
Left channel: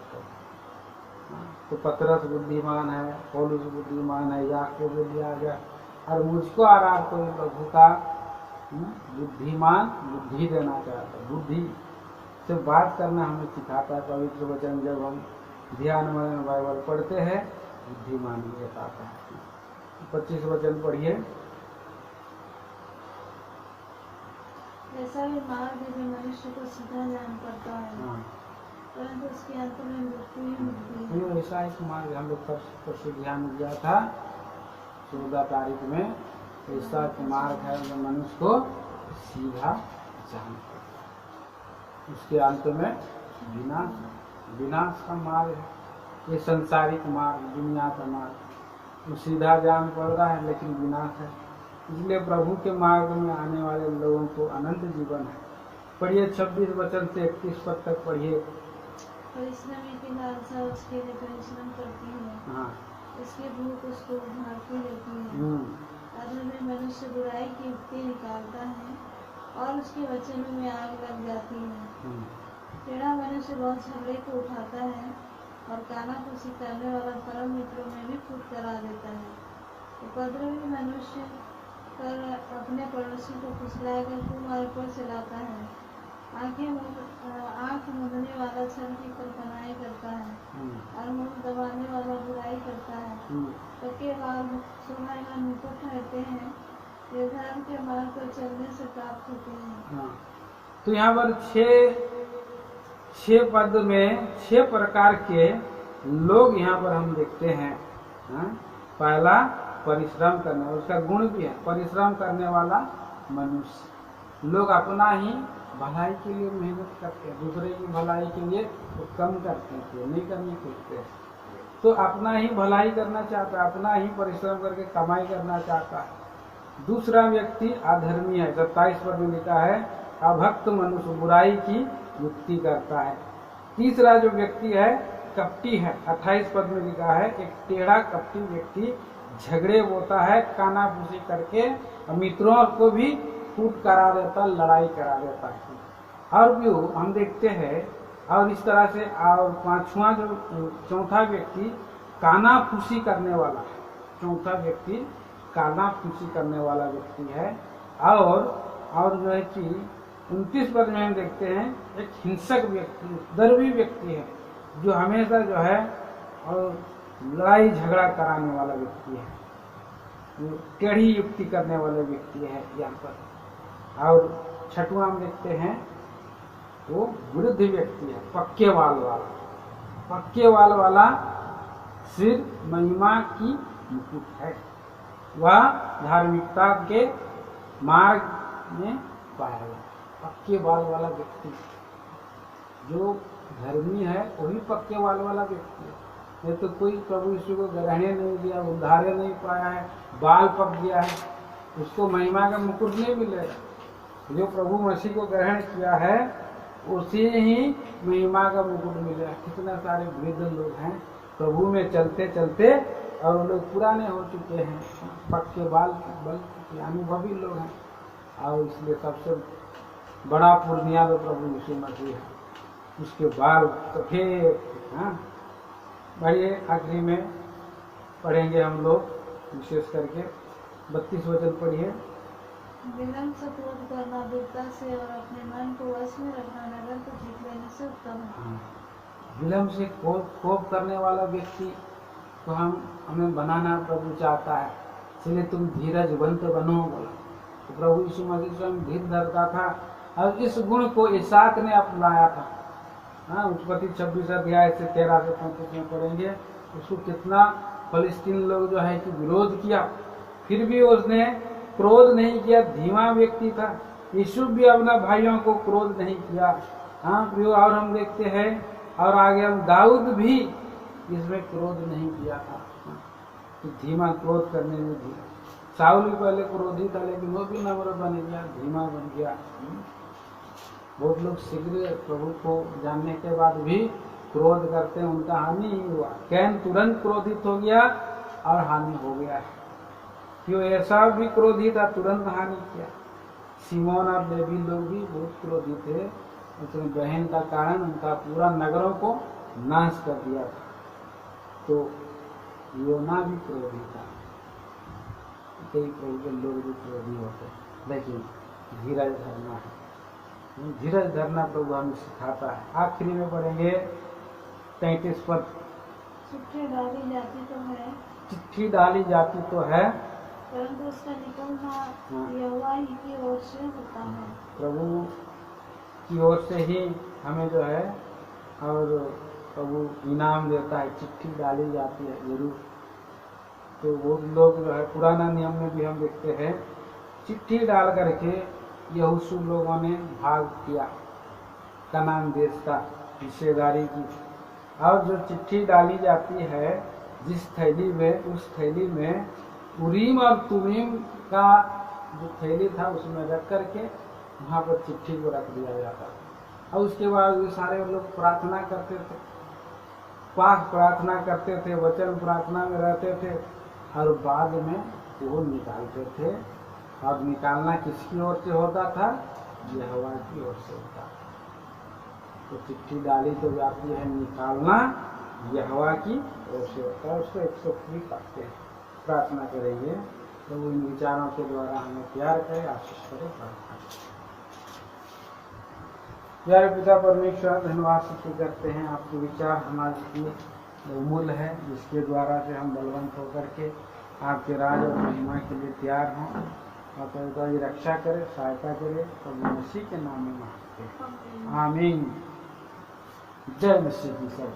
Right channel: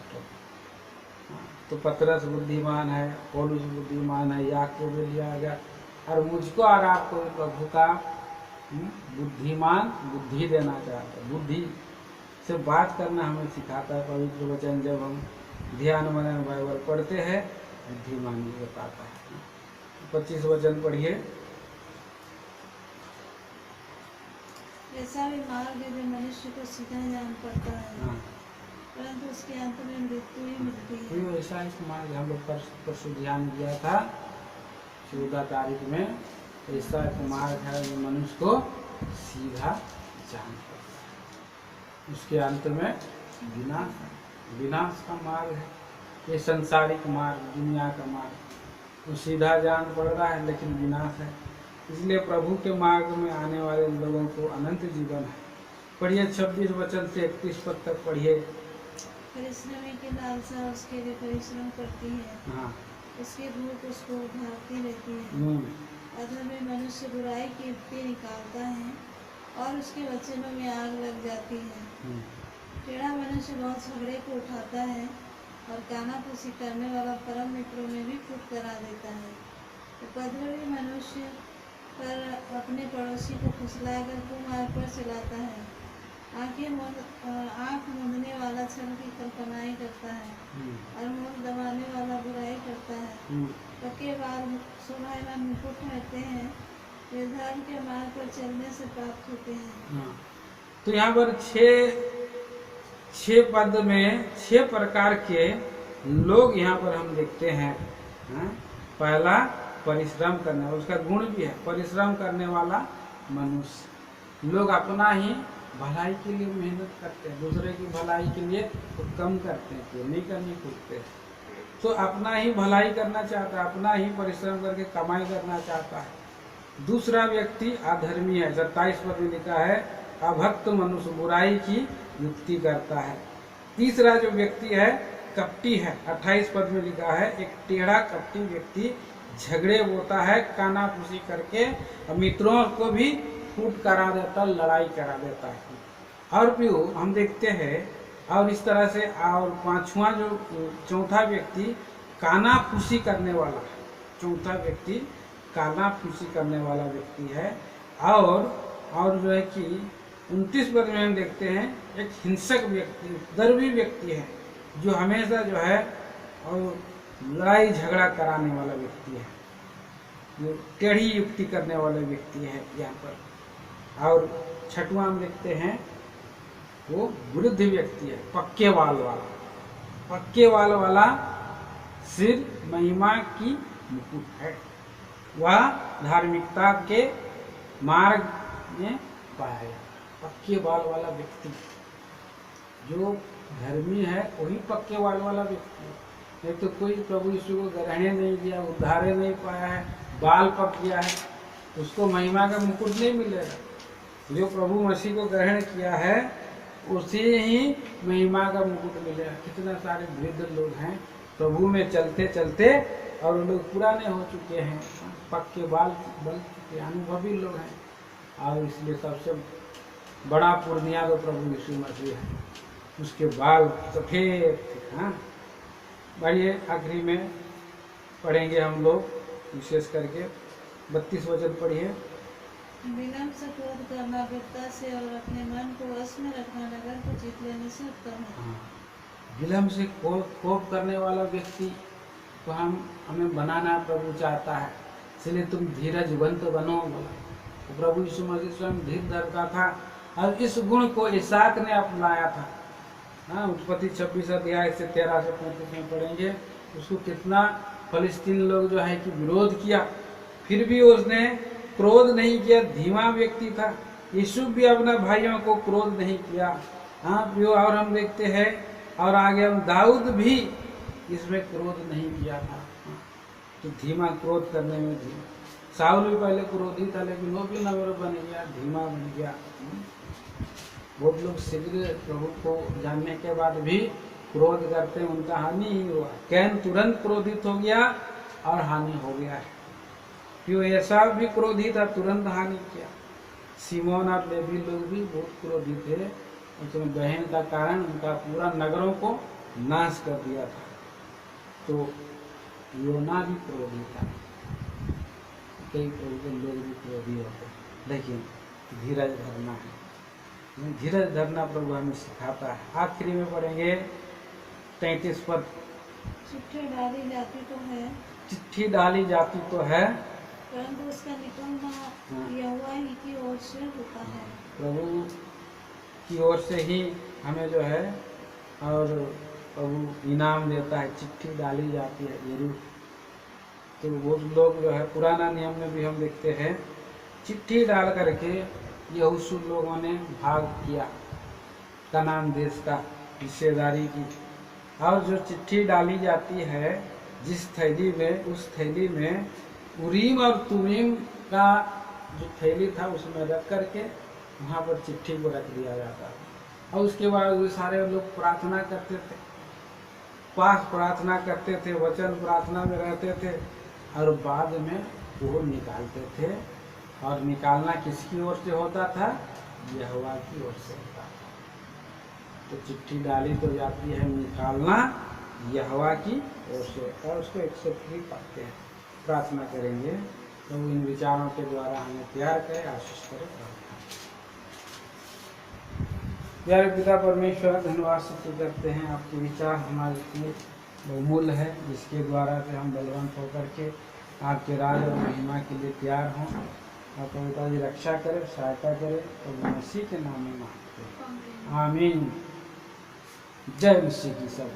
तो पतरस बुद्धिमान है, पौलुस बुद्धिमान है, याकूब लिया गया, और मुझको और आपको प्रभु का बुद्धि देना चाहता है। बुद्धि से बात करना हमें सिखाता है पवित्र वचन। जब हम ध्यान मनन बाइबल पढ़ते हैं, बुद्धिमान ये पाता है। 25 वचन पढ़िए। ऐसा भी मार्ग भी मनुष्य को सीधा जान पड़ता है, परंतु उसके अंत में मृत्यु ही मिलती है। ऐसा एक मार्ग हम लोग परसों ध्यान दिया था 14 तारीख में। ऐसा एक मार्ग है जो मनुष्य को सीधा जान पड़ता है, उसके अंत में विनाश का मार्ग है। ये संसारिक मार्ग, दुनिया का मार्ग, वो सीधा जान पड़ रहा है लेकिन विनाश है। इसलिए प्रभु के मार्ग में आने वाले लोगों को अनंत जीवन है। पढ़िए 26 वचन से 31 पद तक पढ़िए। परिश्रमी की लालसा उसके लिए परिश्रम करती है, हाँ, इसकी भूख उसको उभारती रहती है। अधर्मी मनुष्य बुराई की युक्ति निकालता है और उसके वचनों में आग लग जाती है। टेढ़ा मनुष्य बहुत झगड़े को उठाता है और कानाफूसी करने वाला परम मित्रों में भी फूट करा देता है। उपद्रवी मनुष्य पर अपने पड़ोसी को फुसलाकर कुमार्ग पर चलाता है। आँख मूंदने वाला छल की कल्पनाएं करता है और मुंह दबाने वाला बुराई करता है। पक्के बाल शोभायमान मुकुट ठहरते हैं, वे धर्म के मार्ग पर चलने से प्राप्त होते हैं। तो यहाँ पर 6 पद में 6 प्रकार के लोग यहाँ पर हम देखते हैं। पहला परिश्रम करने वाला, उसका गुण भी है परिश्रम करने वाला मनुष्य। लोग अपना ही भलाई के लिए मेहनत करते हैं, दूसरे की भलाई के लिए वो कम करते हैं, तो नहीं करने खुलते हैं। तो अपना ही भलाई करना चाहता है, अपना ही परिश्रम करके कमाई करना चाहता है। दूसरा व्यक्ति अधर्मी है, 27 पद में लिखा है अभक्त मनुष्य बुराई की युक्ति करता है। तीसरा जो व्यक्ति है कपटी है, 28 पद में लिखा है एक टेढ़ा कपटी व्यक्ति झगड़े बोता है, कानाफूसी करके मित्रों को भी फूट करा देता, लड़ाई करा देता है। और भी हम देखते हैं, और इस तरह से। और पांचवा जो चौथा व्यक्ति कानाफूसी करने वाला है, चौथा व्यक्ति कानाफूसी करने वाला व्यक्ति है। और जो है कि 29 पद में हम देखते हैं एक हिंसक व्यक्ति, उपद्रवी व्यक्ति है, जो हमेशा जो है और लड़ाई झगड़ा कराने वाला व्यक्ति है, जो टेढ़ी युक्ति करने वाले व्यक्ति है यहाँ पर। और छठवां हम देखते हैं वो वृद्ध व्यक्ति है, पक्के बाल वाला। पक्के बाल वाला सिर महिमा की मुकुट है, वह धार्मिकता के मार्ग में पाया गया। पक्के बाल वाला व्यक्ति जो धर्मी है वही पक्के बाल वाला व्यक्ति है। नहीं तो कोई प्रभु यीशु को ग्रहण नहीं दिया, उद्धारे नहीं पाया है, बाल पक गया है, उसको महिमा का मुकुट नहीं मिलेगा। जो प्रभु मसीह को ग्रहण किया है उसी ही महिमा का मुकुट मिलेगा। कितना सारे वृद्ध लोग हैं प्रभु में चलते चलते और वो लोग पुराने हो चुके हैं, पक्के बाल बल चुके, अनुभवी लोग हैं। और इसलिए सबसे बड़ा पूर्णिया तो प्रभु यीशु मसीह है, उसके बाल सफेद। हाँ, बढ़िए आखिरी में पढ़ेंगे हम लोग विशेष करके 32 वचन पढ़िए। विलम्ब से क्रोध करना वीरता से और अपने मन को वश में रखना नगर को जीत लेने से उत्तम है। विलम्ब से कोप करने वाला व्यक्ति को हमें बनाना प्रभु चाहता है, इसलिए तुम धीरजवंत बनो बोला। तो प्रभु यीशु मसीह स्वयं धीर धरता था और इस गुण को इसहाक ने अपनाया था। हाँ, उत्पत्ति 26 अध्याय से 13 से 35 में पढ़ेंगे। उसको कितना फलिस्तीन लोग जो है कि विरोध किया, फिर भी उसने क्रोध नहीं किया, धीमा व्यक्ति था। यीशु भी अपना भाइयों को क्रोध नहीं किया। हाँ प्रियो, और हम देखते हैं और आगे हम दाऊद भी इसमें क्रोध नहीं किया था। तो धीमा, क्रोध करने में धीमा। साउल भी पहले क्रोधी था, लेकिन वो भी नम्र बन गया, धीमा बन गया। बहुत लोग शीघ्र प्रभु को जानने के बाद भी क्रोध करते हैं, उनका हानि ही हुआ। कैन तुरंत क्रोधित हो गया और हानि हो गया। क्यों ऐसा भी क्रोधी था, तुरंत हानि किया। सिमोन और लेवी लोग भी बहुत क्रोधी थे, उसमें बहन का कारण उनका पूरा नगरों को नाश कर दिया था। तो योना भी क्रोधी था। कई प्रभु के लोग भी क्रोधी होते, लेकिन धीरज धरना है। धीरज धरना प्रभु हमें सिखाता है। आखिरी में पढ़ेंगे 33 पद। चिट्ठी डाली जाती तो है, चिट्ठी डाली जाती तो है, परंतु उसका निकलना यहोवा ही की ओर से होता है। प्रभु की ओर से ही हमें जो है और प्रभु इनाम देता है। चिट्ठी डाली जाती है जरूर। तो वो लोग जो है पुराना नियम में भी हम देखते हैं, चिट्ठी डाल करके यहोशू लोगों ने भाग किया कनान देश का हिस्सेदारी की। और जो चिट्ठी डाली जाती है जिस थैली में, उस थैली में उरीम और तुमीम का जो थैली था उसमें रख करके वहाँ पर चिट्ठी को रख दिया जाता। और उसके बाद वो सारे लोग प्रार्थना करते थे, पास प्रार्थना करते थे, वचन प्रार्थना में रहते थे, और बाद में वो निकालते थे। और निकालना किसकी ओर से होता था? यहोवा की ओर से होता था। तो चिट्ठी डाली तो जाती है, निकालना यहोवा की ओर से होता है। उसको 103 पढ़ते हैं, प्रार्थना करेंगे। तो इन विचारों के द्वारा हमें तैयार करे, आशीष करे। प्रार्थना। प्यारे पिता परमेश्वर, धन्यवाद स्तुति करते हैं, आपके विचार हमारे लिए बहुमूल्य है, जिसके द्वारा से हम बलवंत होकर के आपके राज और महिमा के लिए तैयार हों। और पवित्र जी रक्षा करे, सहायता करे। प्रभु मसीह के नाम में मांगते हैं, आमीन। जय मसीह की सब।